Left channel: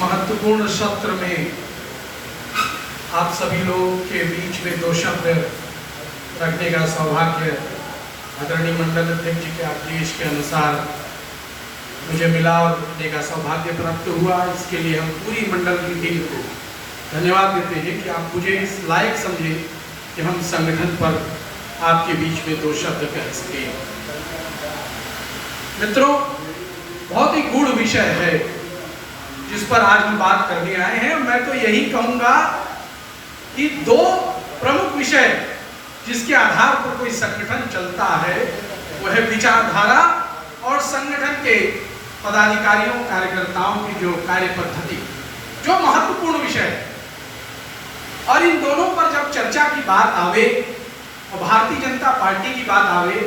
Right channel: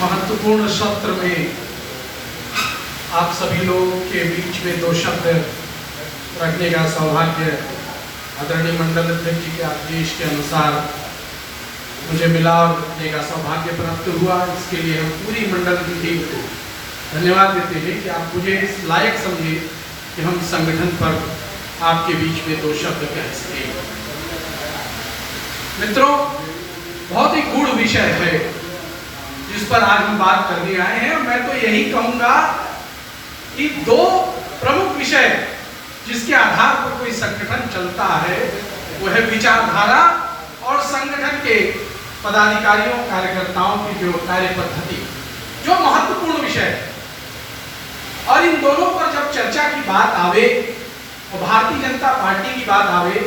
महत्वपूर्ण सत्र में आप सभी लोगों के बीच में दो शब्द रखने का सौभाग्य आदरणीय मंडल अध्यक्ष जी के आदेश के अनुसार मुझे मिला और रखने का सौभाग्य प्राप्त हुआ। इसके लिए हम पूरी मंडल की टीम को धन्यवाद देते हैं कि आप मुझे इस लायक समझे कि हम संगठन पर आपके बीच में दो शब्द कह सकें। मित्रों, बहुत ही गूढ़ विषय है जिस पर आज हम बात करने आए हैं। मैं तो यही कहूंगा कि दो प्रमुख विषय जिसके आधार पर कोई संगठन चलता है वो है विचारधारा और संगठन के पदाधिकारियों कार्यकर्ताओं की जो कार्य पद्धति, जो महत्वपूर्ण विषय है। और इन दोनों पर जब चर्चा की बात आवे और भारतीय जनता पार्टी की बात आवे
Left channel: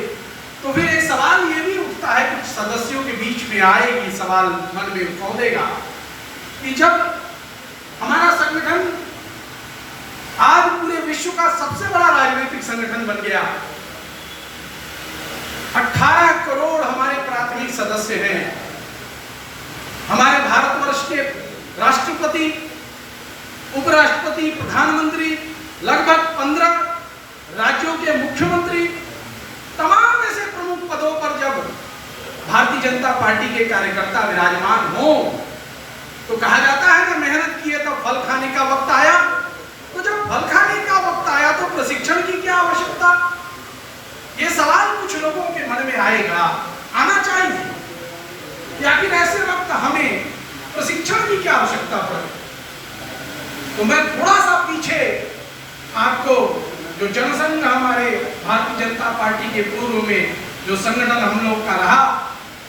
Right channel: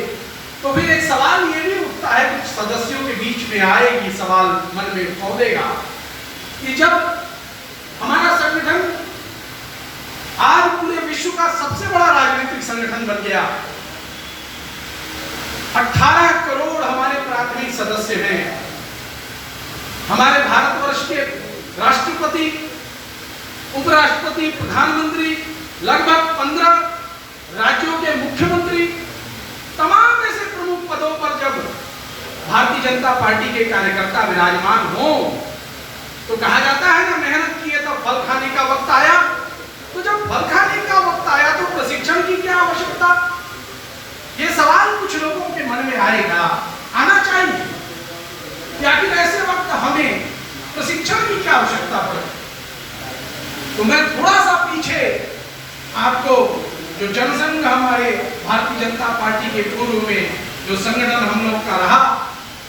तो फिर एक सवाल ये भी उठता है, कुछ सदस्यों के बीच में आए ये सवाल मन में पौधेगा कि जब हमारा संगठन आज पूरे विश्व का सबसे बड़ा राजनीतिक संगठन बन गया, 18 करोड़ हमारे प्राथमिक सदस्य हैं, हमारे भारतवर्ष के राष्ट्रपति, उपराष्ट्रपति, प्रधानमंत्री, लगभग 15 राज्यों के मुख्यमंत्री, तमाम ऐसे प्रमुख पदों पर जब भारतीय जनता पार्टी के कार्यकर्ता विराजमान हो तो कहा जाता है ना, मेहनत किए तो फल खाने का वक्त आया। तो जब फल खाने का वक्त आया तो प्रशिक्षण की क्या आवश्यकता? ये सवाल कुछ लोगों के मन में आएगा, आना चाहिए कि आखिर ऐसे वक्त हमें प्रशिक्षण की क्या आवश्यकता पड़े। तो मैं थोड़ा सा पीछे आपको जो जनसंघ हमारे भारतीय जनता पार्टी के पूर्व में जो संगठन हम लोग का रहा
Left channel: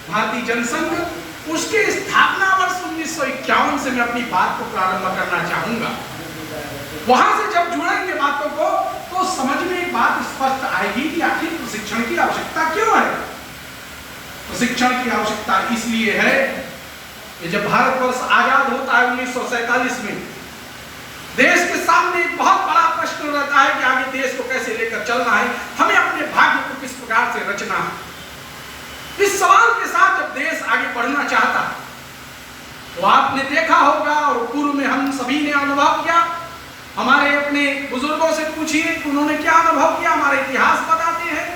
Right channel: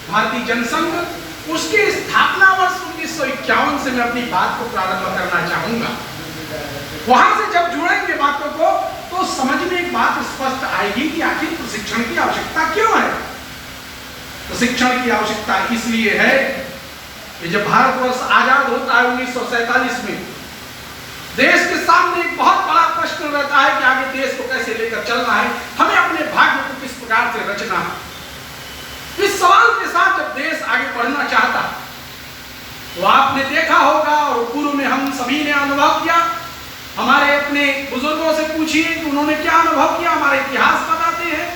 भारतीय जनसंघ, उसके स्थापना वर्ष 1951 से मैं अपनी बात को प्रारंभ करना चाहूंगा। वहां से जब जुड़ेंगे बातों को तो समझ में एक बात स्पष्ट आएगी कि आखिर प्रशिक्षण की आवश्यकता क्यों है। प्रशिक्षण की आवश्यकता इसलिए है कि जब भारतवर्ष आजाद होता है 1947 में, देश के सामने एक बहुत बड़ा प्रश्न रहता है कि आगे देश को कैसे लेकर चलना है, हमें अपने भाग्य को किस प्रकार से रचना है। इस सवाल के साथ जब देश आगे बढ़ना चाहता है तो आपने देखा होगा और पूर्व में हम सभी ने अनुभव किया, हमारे अपने बुजुर्गों से पूछिए कि उन्होंने क्या अनुभव किया। हमारे इतिहास बताते हैं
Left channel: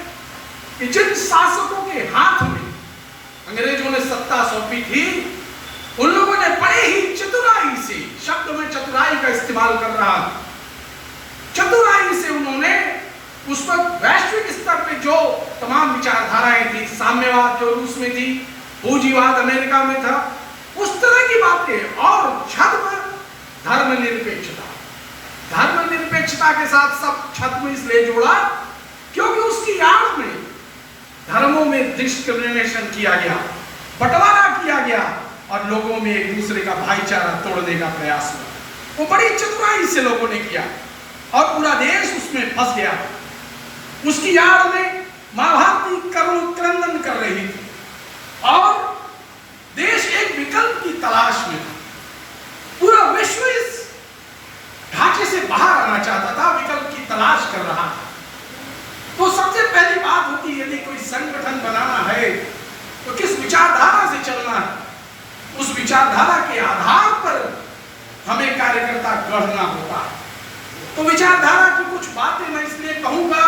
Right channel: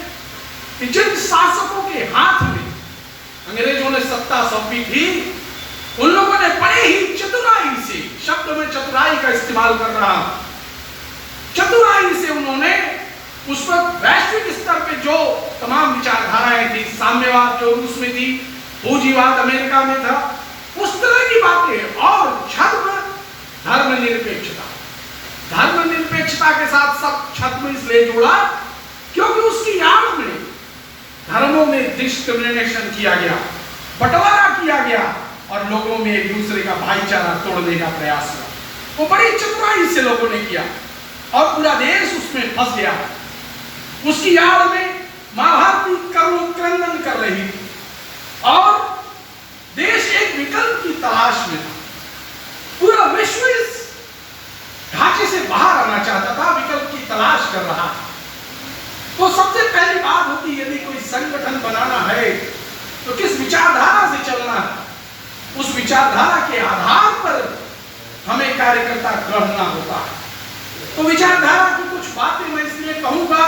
कि जिन शासकों के हाथ में अंग्रेजों ने सत्ता सौंपी थी, उन लोगों ने बड़े ही चतुराई से, शब्द में चतुराई का इस्तेमाल कर रहा हूं, चतुराई से उन्होंने उस वक्त वैश्विक स्तर पे जो तमाम विचारधाराएं थी, साम्यवाद जो रूस में थी, पूंजीवाद अमेरिका में था, उस तरह की बातें और छद्म धर्मनिरपेक्षता, धर्मनिरपेक्षता के साथ सब छद्म इसलिए जोड़ा क्योंकि उसकी आड़ में धर्मों में डिस्क्रिमिनेशन किया गया, बंटवारा किया गया और लोगों में एक दूसरे का भाईचारा तोड़ने का प्रयास हुआ। वो बड़ी चतुराई से लोगों ने किया और पूरा देश उसमें फंस गया। उसकी आड़ में महाभारती करुण क्रंदन कर रही थी और देश एक विकल्प की तलाश में था। पूरा विश्व इस ढांचे से बाहर आना चाहता था, विकल्प की तलाश कर रहा था। तो सबसे पहली बात होती, यदि कोई संगठन बनाना है तो किस विचारधारा से चलना है, उस विचारधारा के आधार पर हमें कार्यकर्ता गढ़ना होता है। तो विचारधारा की कुछ बातें मैं इसमें कहूंगा,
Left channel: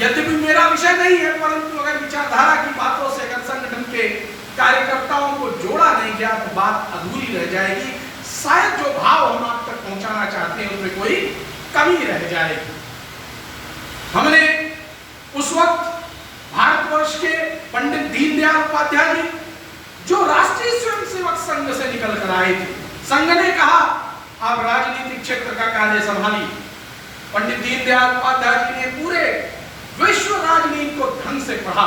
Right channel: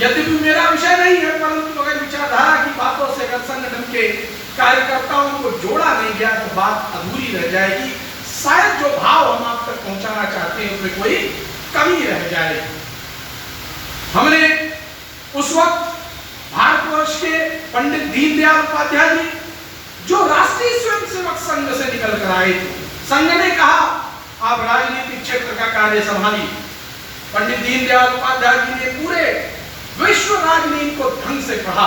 यद्यपि मेरा विषय नहीं है, परंतु अगर विचारधारा की बातों से अगर संगठन के कार्यकर्ताओं को जोड़ा नहीं गया तो बात अधूरी रह जाएगी। शायद जो भाव हम आप तक पहुंचाना चाहते हैं उसमें कोई कमी रह जाएगी। हमने उस वक्त भारतवर्ष के पंडित दीनदयाल उपाध्याय जी जो राष्ट्रीय स्वयंसेवक संघ से निकल कर आए थे, संघ ने कहा आप राजनीतिक क्षेत्र का कार्य संभालिए। पंडित दीनदयाल उपाध्याय जी ने पूरे विश्व राजनीति को ढंग से पढ़ा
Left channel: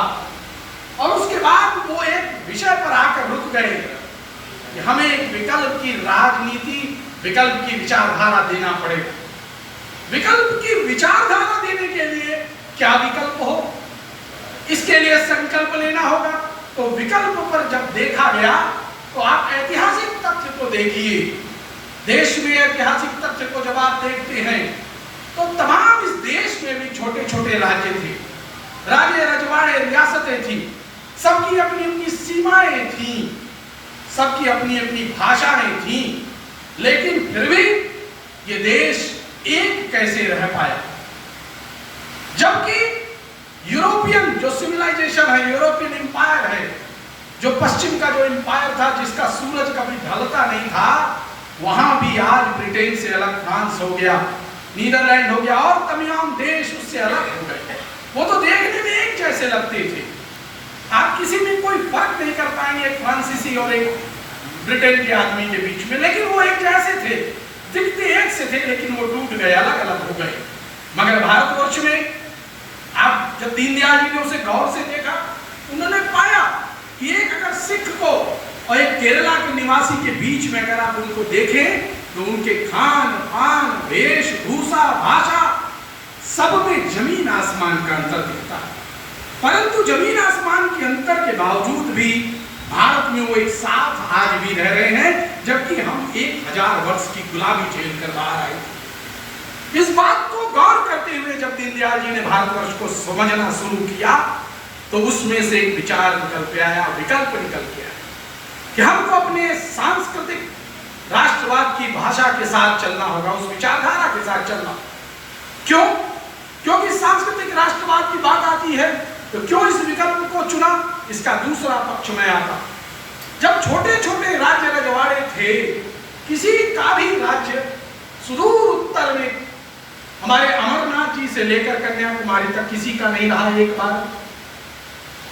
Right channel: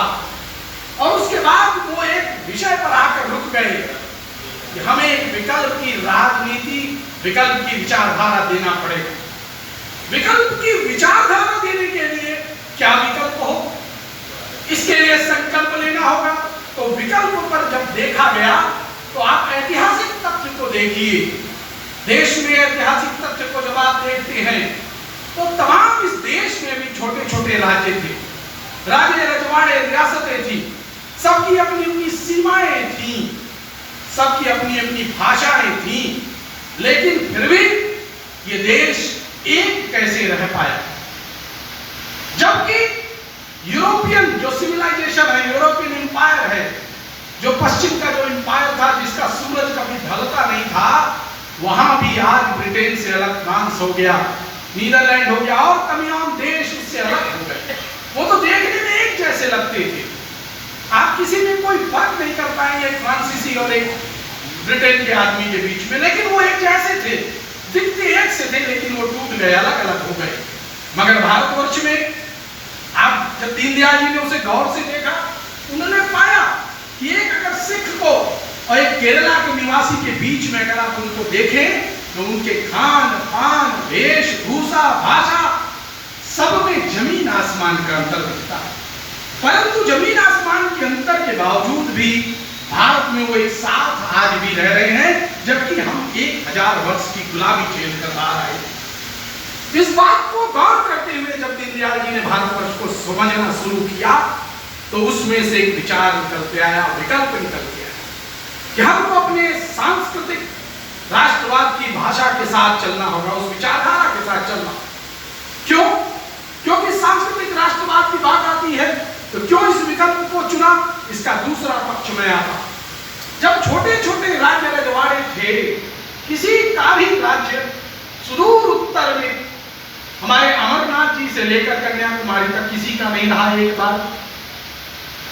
और उसके बाद वो एक विषय पर आकर रुक गए कि हमें एक विकल्प की राजनीति, विकल्प की विचारधारा देना पड़ेगा। विकल्प की विचारधारा देने के लिए क्या विकल्प हो, इसके लिए संकल्प लेना होगा। तो विकल्प पर जब देखा गया तो आप ऐतिहासिक तथ्य को देखिए। देश में ऐतिहासिक तथ्य को जब आप देखते हैं तो तमाम इस देश में भी छोटे छोटे राज्य थे, राज्य रजवाड़े, रियासतें थी, सबकी अपनी अपनी सीमाएं थी, सबकी अपनी अपनी भाषाएं थी, लेकिन फिर भी ये देश एक कैसे रह पाया? जबकि यूरोपियन जो सिविलाइजेशन है, यूरोपियन एम्पायर है, जो पश्चिम का जो एम्पायर था, जिसका सूरज कभी ढलता नहीं था, वहां भी आज ब्रिटेन से अलग फ्रांस हो गया, नीदरलैंड हो गया और तमाम देश उससे अलग हो गए। वो तो देखने में एक जैसे लगते थे, आप किसी में कोई फर्क नहीं कर पाएंगे एक फ्रांसीसी और एक ब्रिटेन के आदमी के बीच में, लेकिन वो एक जैसे थे, दिखते एक से थे, लेकिन वो टूट गए, अलग अलग हो गए। मगर भारतवर्ष में आप जब दीनदयाल जी ने उसे गौर से देखा, उन्होंने पाया कि एक अगर सिख को और एक केरला के निवासी के बीच में अगर आप उनको देखें तो उनके खान पान, वेशभूषा, भाषा, सब में जमीन आसमान का अंतर दिखता है। परंतु जमीन आसमान के अंतर के बावजूद भी भारत में वो एक साथ आज भी रह रहे हैं, जबकि हम 1000 वर्ष की गुलामी झेल कर आ रहे हैं। इस बात को गौर करते हुए जब दीनदयाल जी ने भारतवर्ष को समझना शुरू किया, तो उसमें से एक विचार निकल के आया, विकल्प निकल के आया कि हमको अपने सांस्कृतिक राष्ट्रवाद की भाषा के साथ चलना होगा, उस विचारधारा के साथ चलना। क्यों? क्योंकि सांस्कृतिक राष्ट्रवाद की बात आती है तो क्यों इस विकल्प को चुना? इसका दूसरा पक्ष में आता, जब छोटे छोटे राज्य रजवाड़े थे, किसी का भी राज्य सुदूर उत्तर में हमारे अमरनाथ जी से लेकर कन्याकुमारी तक किसी का नहीं रहा एक बार,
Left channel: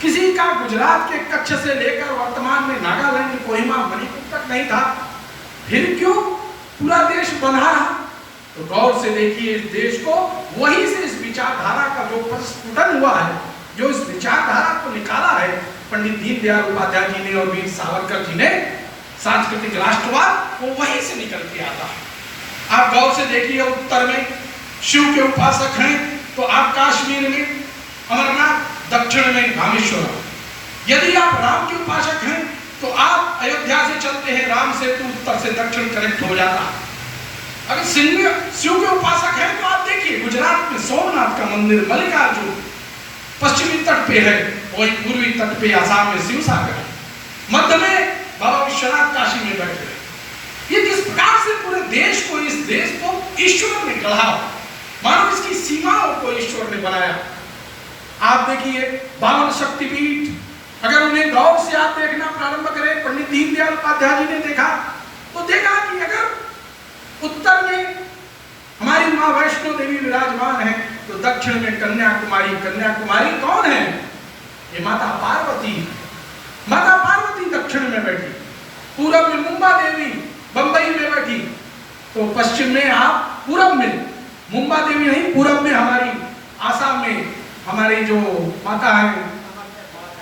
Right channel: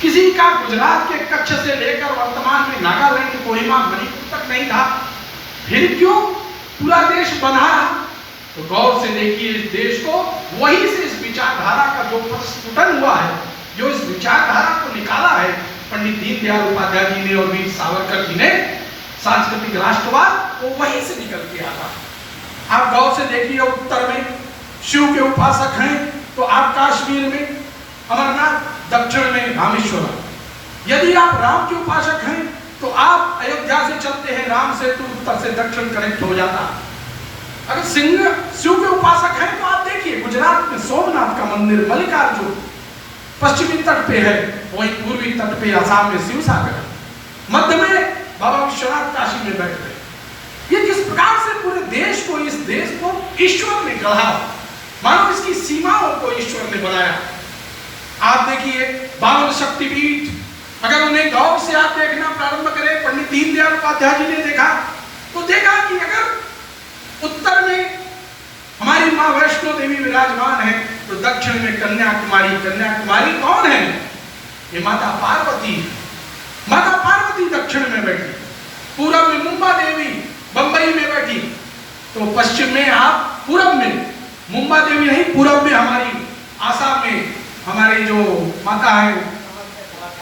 किसी का गुजरात के कच्छ से लेकर वर्तमान में नागालैंड, कोहिमा, मणिपुर तक नहीं था, फिर क्यों पूरा देश बना? तो गौर से देखिए इस देश को, वहीं से इस विचारधारा का जो प्रस्फुटन हुआ है, जो इस विचारधारा को निकाला है पंडित दीनदयाल उपाध्याय जी ने और वीर सावरकर जी ने, सांस्कृतिक राष्ट्रवाद, वो वहीं से निकल के आता। आप गौर से देखिए, उत्तर में शिव के उपासक हैं तो आप कश्मीर में अमरनाथ, दक्षिण में रामेश्वरम। यदि आप राम के उपासक हैं तो आप अयोध्या से चलते हैं राम सेतु, उत्तर से दक्षिण कनेक्ट हो जाता। अगर शिव के उपासक हैं तो आप देखिए गुजरात में सोमनाथ का मंदिर, मल्लिकार्जुन पश्चिमी तट पे है, वही पूर्वी तट पे आसाम में शिव सागर है, मध्य में बाबा विश्वनाथ काशी में बैठे हैं। ये किस प्रकार से पूरे देश को, इस देश को ईश्वर ने गढ़ा, मानो इसकी सीमाओं को ईश्वर ने बनाया। आप देखिए 52 शक्तिपीठ, अगर उन्हें गौर से आप देखना प्रारंभ करें, पंडित दीनदयाल उपाध्याय जी ने देखा तो देखा कि अगर उत्तर में हमारी माँ वैष्णो देवी विराजमान है, तो दक्षिण में कन्याकुमारी। कन्याकुमारी कौन है? ये माता पार्वती है। माता पार्वती दक्षिण में बैठी, पूरब में मुंबा देवी बंबई में बैठी, तो पश्चिम में आप पूरब में मुंबा देवी नहीं, पूरब में हमारी आसाम में हमारी जो माता है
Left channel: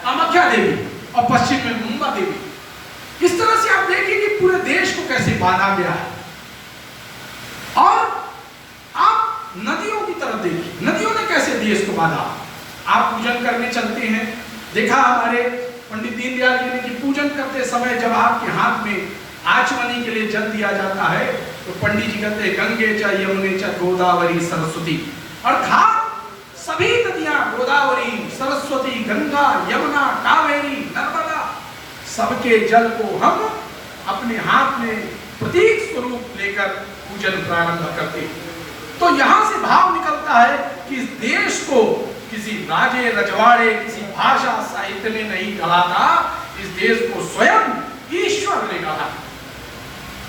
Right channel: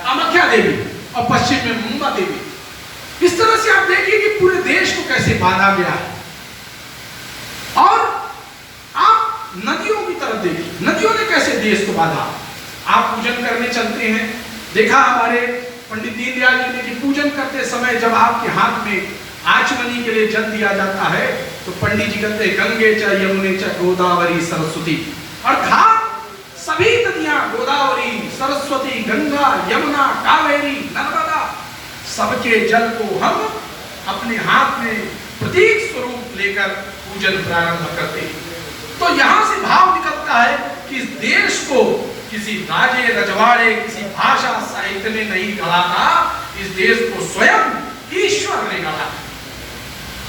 कामाख्या देवी, और पश्चिम में मुंबा देवी। इस तरह से आप देखिए कि पूरे देश को कैसे बांधा गया है। और आप नदियों की तरफ देखिए, नदियों ने कैसे देश को बांधा। आप पूजन करने चलते हैं, देखा हमारे पंडित दीनदयाल जी ने कि पूजन करते समय जब आपके हाथ में आचमनी के लिए जल दिया जाता है, तो पंडित जी कहते हैं गंगे च यमुने च गोदावरी सरस्वती, अर्थात सभी नदियां, गोदावरी, सरस्वती, गंगा, यमुना, कावेरी, नर्मदा, सबके जल को हम अपने हाथ में प्रतीक स्वरूप लेकर पूजन प्रारंभ करते हैं। तो यहां से भाव निकलता है कि इस देश को किसी राजे रजवाड़े, किसी भाषा साहित्य ने नहीं गढ़ा था, इस देश को स्वयं ईश्वर ने गढ़ा।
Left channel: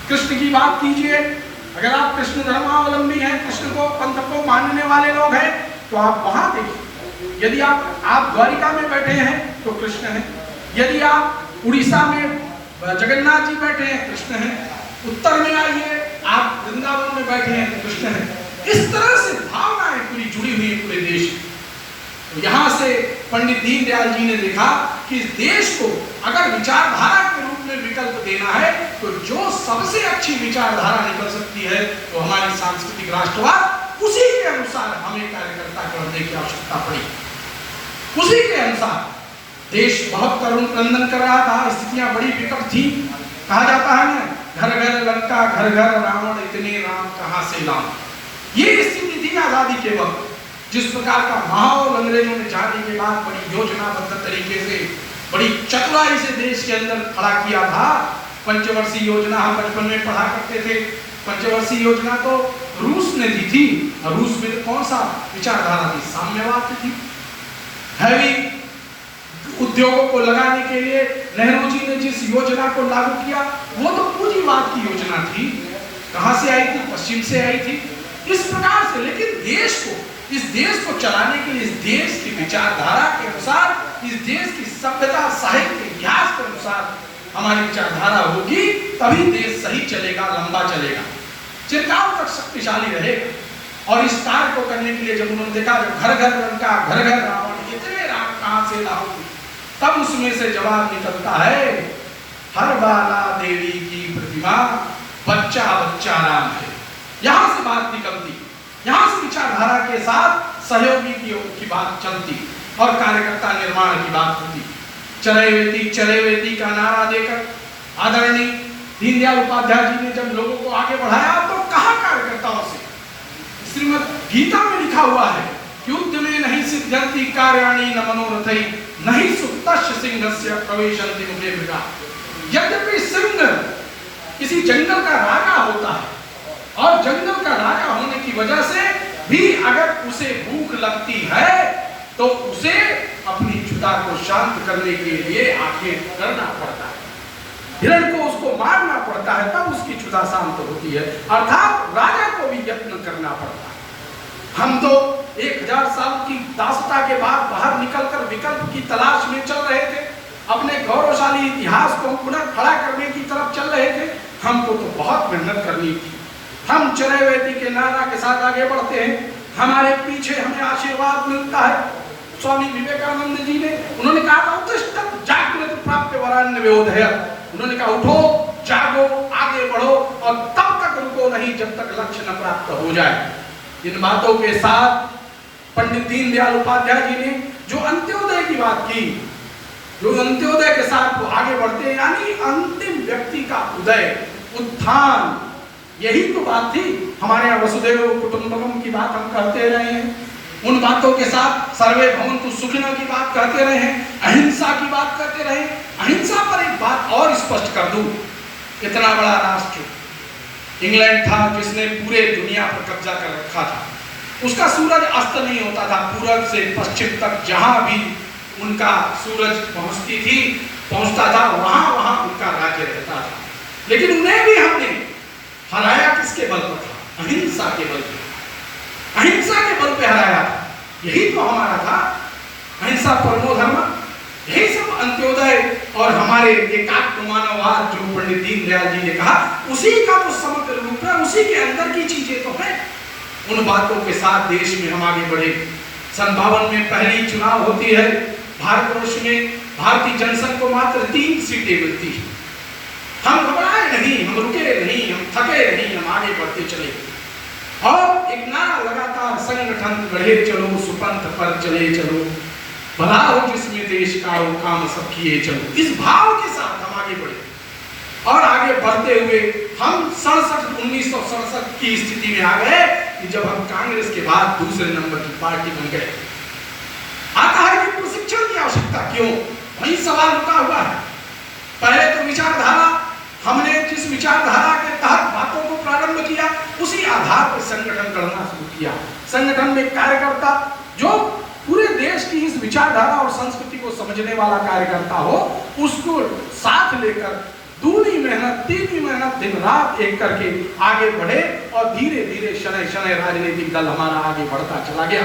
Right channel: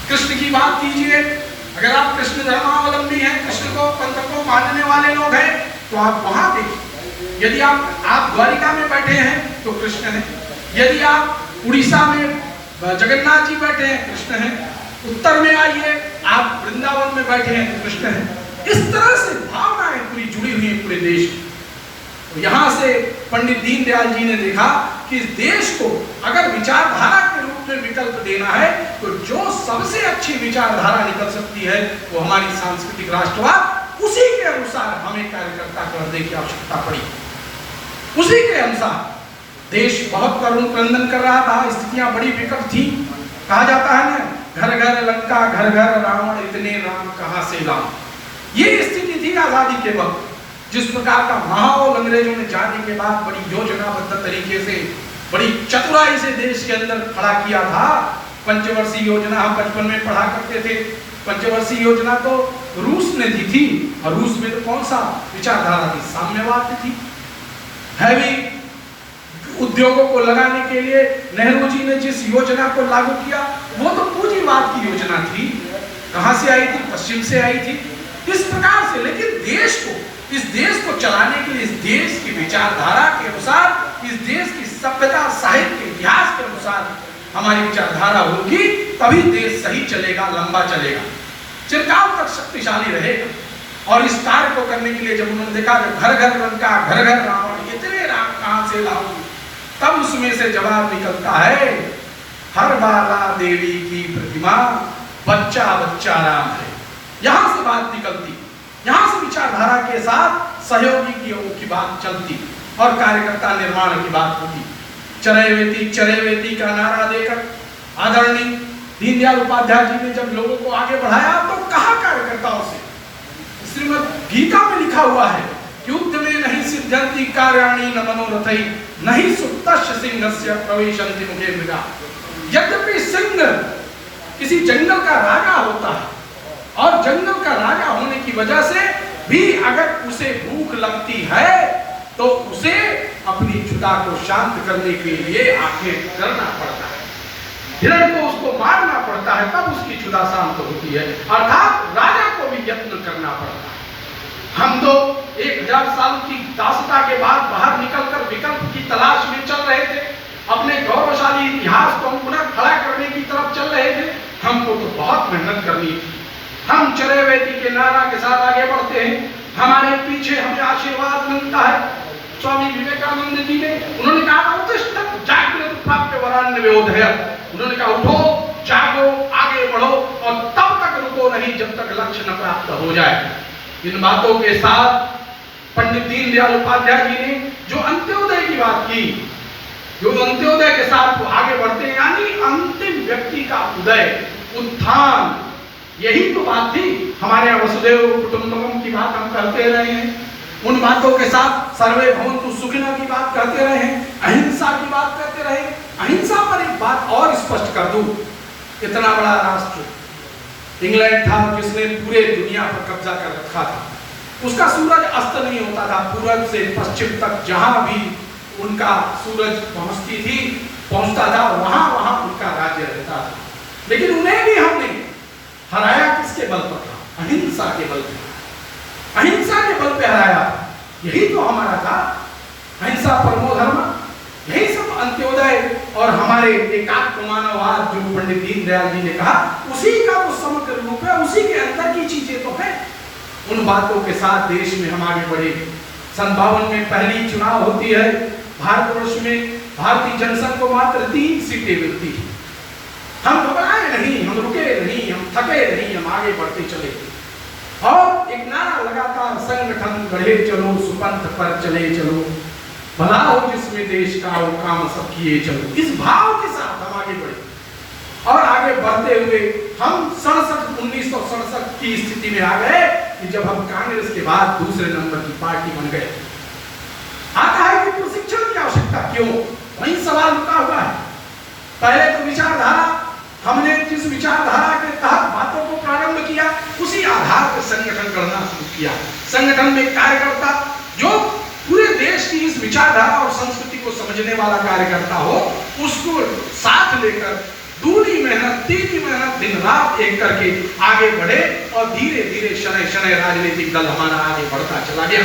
कृष्ण की बात कीजिए, अगर आप कृष्ण धर्मावलंबी हैं, कृष्ण को पंथ को मानने वाले लोग हैं, तो आप वहां देखिए। यदि आप द्वारिका में बैठे हैं तो कृष्ण है, यदि आप उड़ीसा में जगन्नाथ जी बैठे हैं, कृष्ण है, उत्तर में आइए आप वृंदावन में बैठे हैं तो कृष्ण है। इस तरह से भावनाएं पूरी जुड़ी हुई है पूरे देश। तो यहां से पंडित दीनदयाल जी ने देखा कि इस देश को अगर विचारधारा के रूप में विकल्प देना है, तो जो सबसे अच्छी विचारधारा निकल सकती है वो हमारी सांस्कृतिक राष्ट्रवाद, उसी के अनुसार हमें कार्यकर्ता करने की आवश्यकता पड़ी। उसी के अनुसार देश बहुत करुण क्रंदन कर रहा था, स्थितियां बड़ी विकट थी। कहा जाता है ना, घर घर लंका घर घर रावण, इतने राम कहां से लाऊं। ये स्थिति थी आजादी के वक्त। जिस प्रकार का माहौल अंग्रेजों ने जाने के बाद बड़ी योजनाबद्ध तरीके से, बड़ी चतुराई से देश के अंदर खड़ा किया था, पंचवर्षीय योजना हम बचपन में पढ़ा करते थे। पंचवर्षीय योजना तो रूस ने दी थी, और रूस में तो कौन सा विचारधारा थी? साम्यवाद थी। हैवी उद्योगों को लगाने के लिए नेहरू जी ने जिस योजना को लागू किया वो तो पूंजीवाद की योजना थी। कहां से आई थी? पश्चिम से आई थी। इस प्रकार से, लेकिन इस देश को चलाने के लिए, इस देश की विचारधारा के अनुसार, इस देश की सभ्यता, साहित्य, इतिहास के अनुसार हमारी विचारधारा होगी, तभी देश सही चलेगा, लंबा चलेगा, चिरकाल तक शक्तिशाली रहेगा। और इस कार्य को करने के लिए जब उन्होंने देखा जब घर घर लंका, घर घर रावण, इतने राम कहां से लाओगी, तब उसमें से जवाब निकलता है, हर बाला देवी की प्रतिमा, बच्चा बच्चा राम है। यहां से बात निकलती, यहां से विचारधारा के साथ सहयोगी की बात चलती और कार्यकर्ता निर्माण की बात होती। चरैवेति का नारा देकर आदरणीय दीनदयाल उपाध्याय जी ने जब लोगों को आगे बढ़ाया, तो कहा कार्यकर्ताओं से? श्रीमद् गीता में लिखा हुआ है, युद्ध में नहीं सिद्ध्यन्ति कार्याणि न मनोरथै, नहीं सुप्तस्य सिंहस्य प्रविशन्ति मुखे मृगा। यद्यपि सिंह किसी जंगल का राजा होता है, और जंगल का राजा होने की वजह से भी अगर उसे भूख लगती है तो उसे अपनी क्षुधा को शांत करने के लिए आखेट करना पड़ता है, हिरण को उसको मारना पड़ता है, तब उसकी क्षुधा शांत होती है। अर्थात राजा को भी यत्न करना पड़ता है। हम तो 1000 साल की दासता के बाद बाहर निकलकर विकल्प की तलाश में चल रहे थे, अपने गौरवशाली इतिहास को हम पुनः खड़ा करने की तरफ चल रहे थे। हमको तो बहुत मेहनत करनी थी। हम चरैवेति के नारा के साथ आगे बढ़ते हैं, हमारे पीछे हमें आशीर्वाद मिलता है। स्वामी विवेकानंद जी ने, उन्होंने कहा था, उत्तिष्ठत् जाग्रत् प्राप्य वरान्यवोधयत्। उन्होंने कहा, उठो, जागो, आगे बढ़ो, और तब तक रुको नहीं जब तक लक्ष्य न प्राप्त हो जाए। इन बातों के साथ पंडित दीनदयाल उपाध्याय जी ने जो अंत्योदय की बात की, जो अंत्योदय के साथ वो आगे बढ़ते हैं, यानी अंतिम व्यक्ति का उदय, उत्थान, यही तो बात थी। हमारे यहाँ वसुधैव कुटुंबकम की बात हम करते रहे हैं, उन बातों के साथ सर्वे भवन्तु सुखिनः की बात करते रहे हैं, अहिंसा की बात करते रहे। अहिंसा पर एक बात और स्पष्ट कर दूं, इतना बड़ा राष्ट्र इंग्लैंड था जिसने पूरे दुनिया पर कब्जा कर रखा था, उसका सूरज अस्त नहीं होता था। पूरब से पश्चिम तक जहां भी उनका सूरज पहुंचता था, वहां वहां उनका राज्य रहता था। लेकिन उन्हें भी हमने हराया किसके बल पर था? अहिंसा के बल पर। अहिंसा के बल पे हराया, यही तो हमारा था। अहिंसा परमो धर्म, यही सब अंत्योदय और हमारे एकात्म मानववाद जो पंडित दीनदयाल जी ने कहा, उसी का तो समग्र रूप है, उसी के अंदर की चीजें तो है। उन बातों के साथ देश में हम आगे बढ़े। 52 में पहली चुनाव होती है भारतवर्ष में, भारतीय जनसंघ को मात्र 3 सीटें मिलती है। हम घबराए नहीं, हम रुके नहीं, हम थके नहीं, हम आगे बढ़ते चले। और एक नारा लगातार, संगठन गढ़े चलो, सुपंथ पर चले चलो, भला हो जिसमें देश का वो काम सब किए चलो। इस भाव के साथ हम आगे बढ़े, और आगे बढ़ते हुए हम 1967 की स्थिति में आ गए कि जब हम कांग्रेस के बाद दूसरे नंबर की पार्टी बन गए। आता है कि प्रशिक्षण की आवश्यकता क्यों? वही सवाल रुका हुआ है। पहले तो विचारधारा, हमने जिस विचारधारा के तहत बातों को प्रारंभ किया, उसी आधार पर संगठन करना शुरू किया। संगठन में कार्यकर्ता जो पूरे देश की इस विचारधारा और संस्कृति को समझने वाला कार्यकर्ता हो, उसको साथ लेकर दूनी मेहनत, तीनी मेहनत, दिन रात एक करके आगे बढ़े, और धीरे धीरे शनै शनै राजनीतिक दल हमारा आगे बढ़ता चला गया।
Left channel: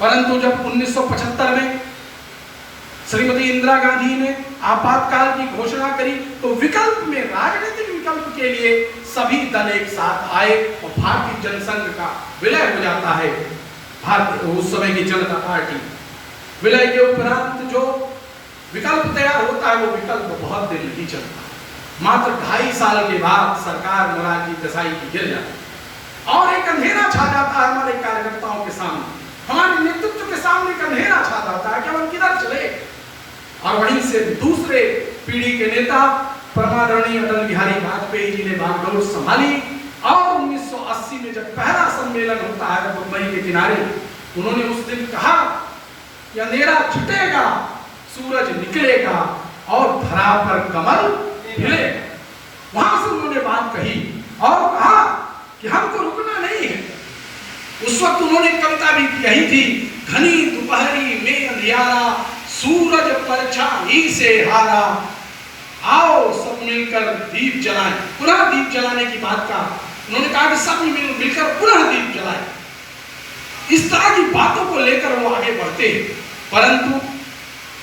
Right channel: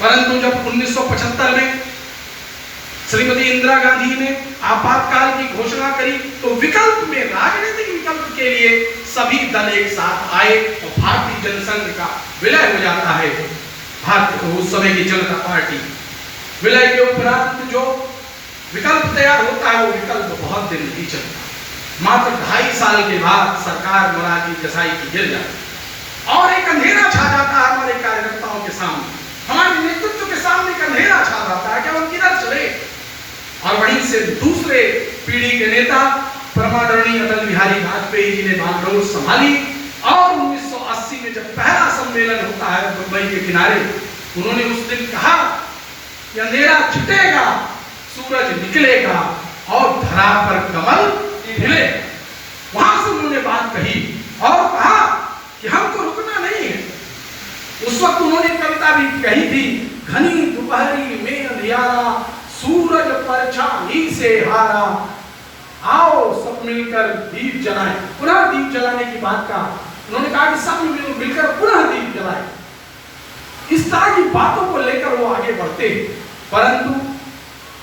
परंतु जब 1975 में श्रीमती इंदिरा गांधी ने आपातकाल की घोषणा करी, तो विकल्प में, राजनीतिक विकल्प के लिए सभी दल एक साथ आए और भारतीय जनसंघ का विलय हो जाता है। उस समय की जनता पार्टी विलय के उपरांत जो विकल्प तैयार होता है, वो विकल्प बहुत दिन नहीं चलता। मात्र 2.5 साल के बाद सरकार मोरारजी देसाई की गिर जाती और एक अंधेरा छा जाता है हमारे कार्यकर्ताओं के सामने, हमारे नेतृत्व के सामने एक अंधेरा छा जाता है कि हम किधर चले। और वहीं से दूसरे पीढ़ी के नेता परमादरणीय अटल बिहारी वाजपेयी जी ने बागडोर संभाली, और 1980 में जब पहला सम्मेलन होता है मुंबई के किनारे, उन्होंने उस दिन कहा कि अंधेरा छुटेगा, सूरज निकलेगा और धरा पर कमल खिलेगा। यही थी, घनी दोपहरी में अंधियारा, सूरज परछाई से हारा, आओ सब मिलकर दीप जलाएं। पुनः दीप जलाने की बात का उन्होंने कहा कि सब मिलकर पुनः दीप जलाएं। इस तरह की बातों को लेकर वो आगे बढ़ते, परंतु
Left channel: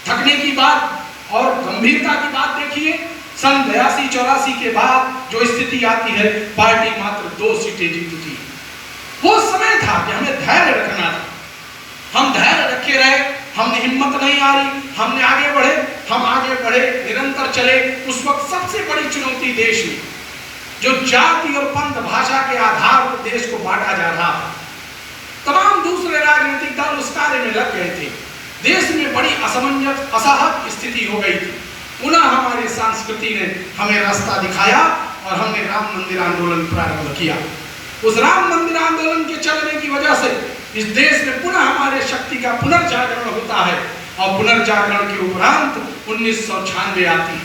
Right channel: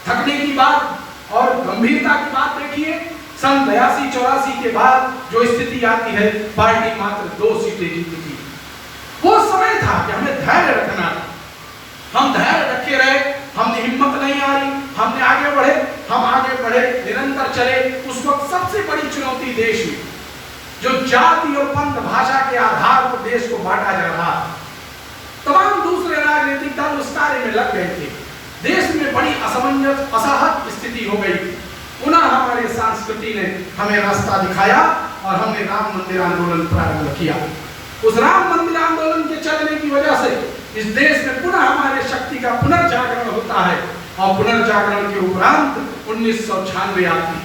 थकने की बात और गंभीरता की बात देखिए, सन 82-84 के बाद जो स्थिति आती है, पार्टी मात्र 2 सीटें जीती थी। वो समय था कि हमें धैर्य रखना था, हम धैर्य रखे रहे, हमने हिम्मत नहीं हारी, हमने आगे बढ़े, हम आगे बढ़े, निरंतर चले। उस वक्त सबसे बड़ी चुनौती देश में जो जाति और पंथ भाषा के आधार पर देश को बांटा जा रहा था, तमाम दूसरे राजनीतिक दल उस कार्य में लग गए थे, देश में बड़ी असमंजस असहज स्थिति हो गई थी। पुनः हमारे संस्कृति ने हमें रास्ता दिखाया और हमने राम मंदिर आंदोलन प्रारंभ किया। उस राम मंदिर आंदोलन के चलने की वजह से इस देश में पुनः हमारे शक्ति का पुनर्जागरण होता है और पुनर्जागरण के उपरांत 1996 आती,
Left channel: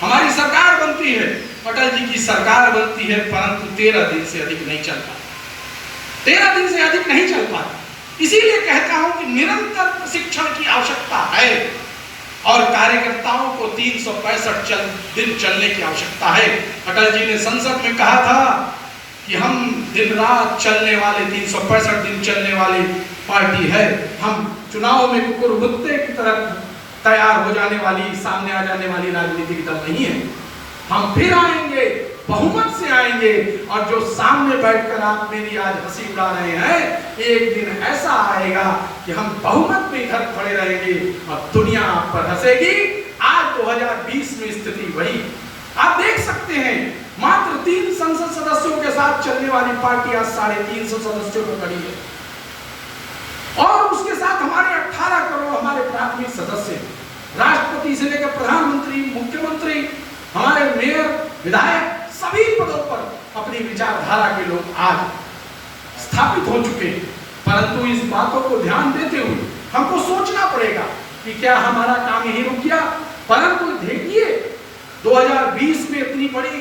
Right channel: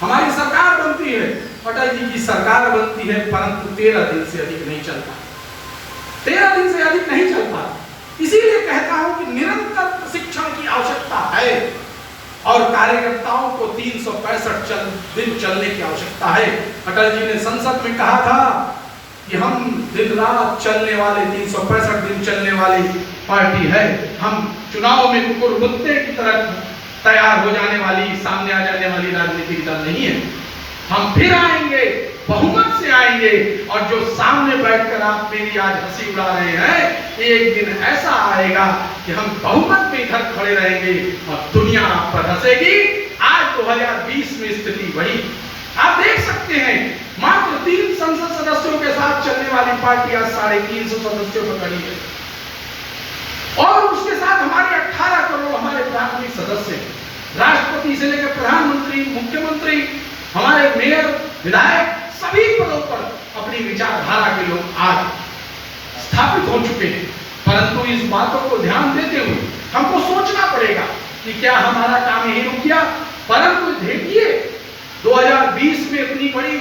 हमारी सरकार बनती है, अटल जी की सरकार बनती है, परंतु 13 दिन से अधिक नहीं चलता, 13 दिन से अधिक नहीं चल पाता। इसीलिए कहता हूं कि निरंतर प्रशिक्षण की आवश्यकता है और कार्यकर्ताओं को 365 दिन चलने की आवश्यकता है। अटल जी ने संसद में कहा था कि हम दिन रात चलने वाले 365 दिन चलने वाली पार्टी है, हम चुनाव में कुकुर कुत्ते की तरह तैयार हो जाने वाली, सामने आ जाने वाली राजनीतिक दल नहीं है। हम फिर आएंगे, बहुमत से आएंगे, और जो सामने बैठकर आप मेरी आज हंसी उड़ा रहे हैं, एक दिन ऐसा आएगा कि हम बहुमत में इधर खड़े रहेंगे और दुनिया आप पर हंसेगी। आज 2020 में स्थिति वही आप देख सकते हैं, मात्र 3 संसद सदस्यों के साथ चलने वाली पार्टी आज 350 सदस्यों पर खड़ी है और उसके साथ हमारे 18 करोड़ हमारे प्राथमिक सदस्य, राष्ट्रपति से लेकर प्रधानमंत्री, मुख्यमंत्री, हमारे मेयर, विधायक, सभी पदों पर अपनी विचारधारा के लोग आज स्थापित हो चुके हैं। परंतु इस बातों को ध्यान देते हुए हमको सोचना पड़ेगा कि क्या हमारा काम यही रुक गया। परंतु देखिए 2020 में इतनी बड़ी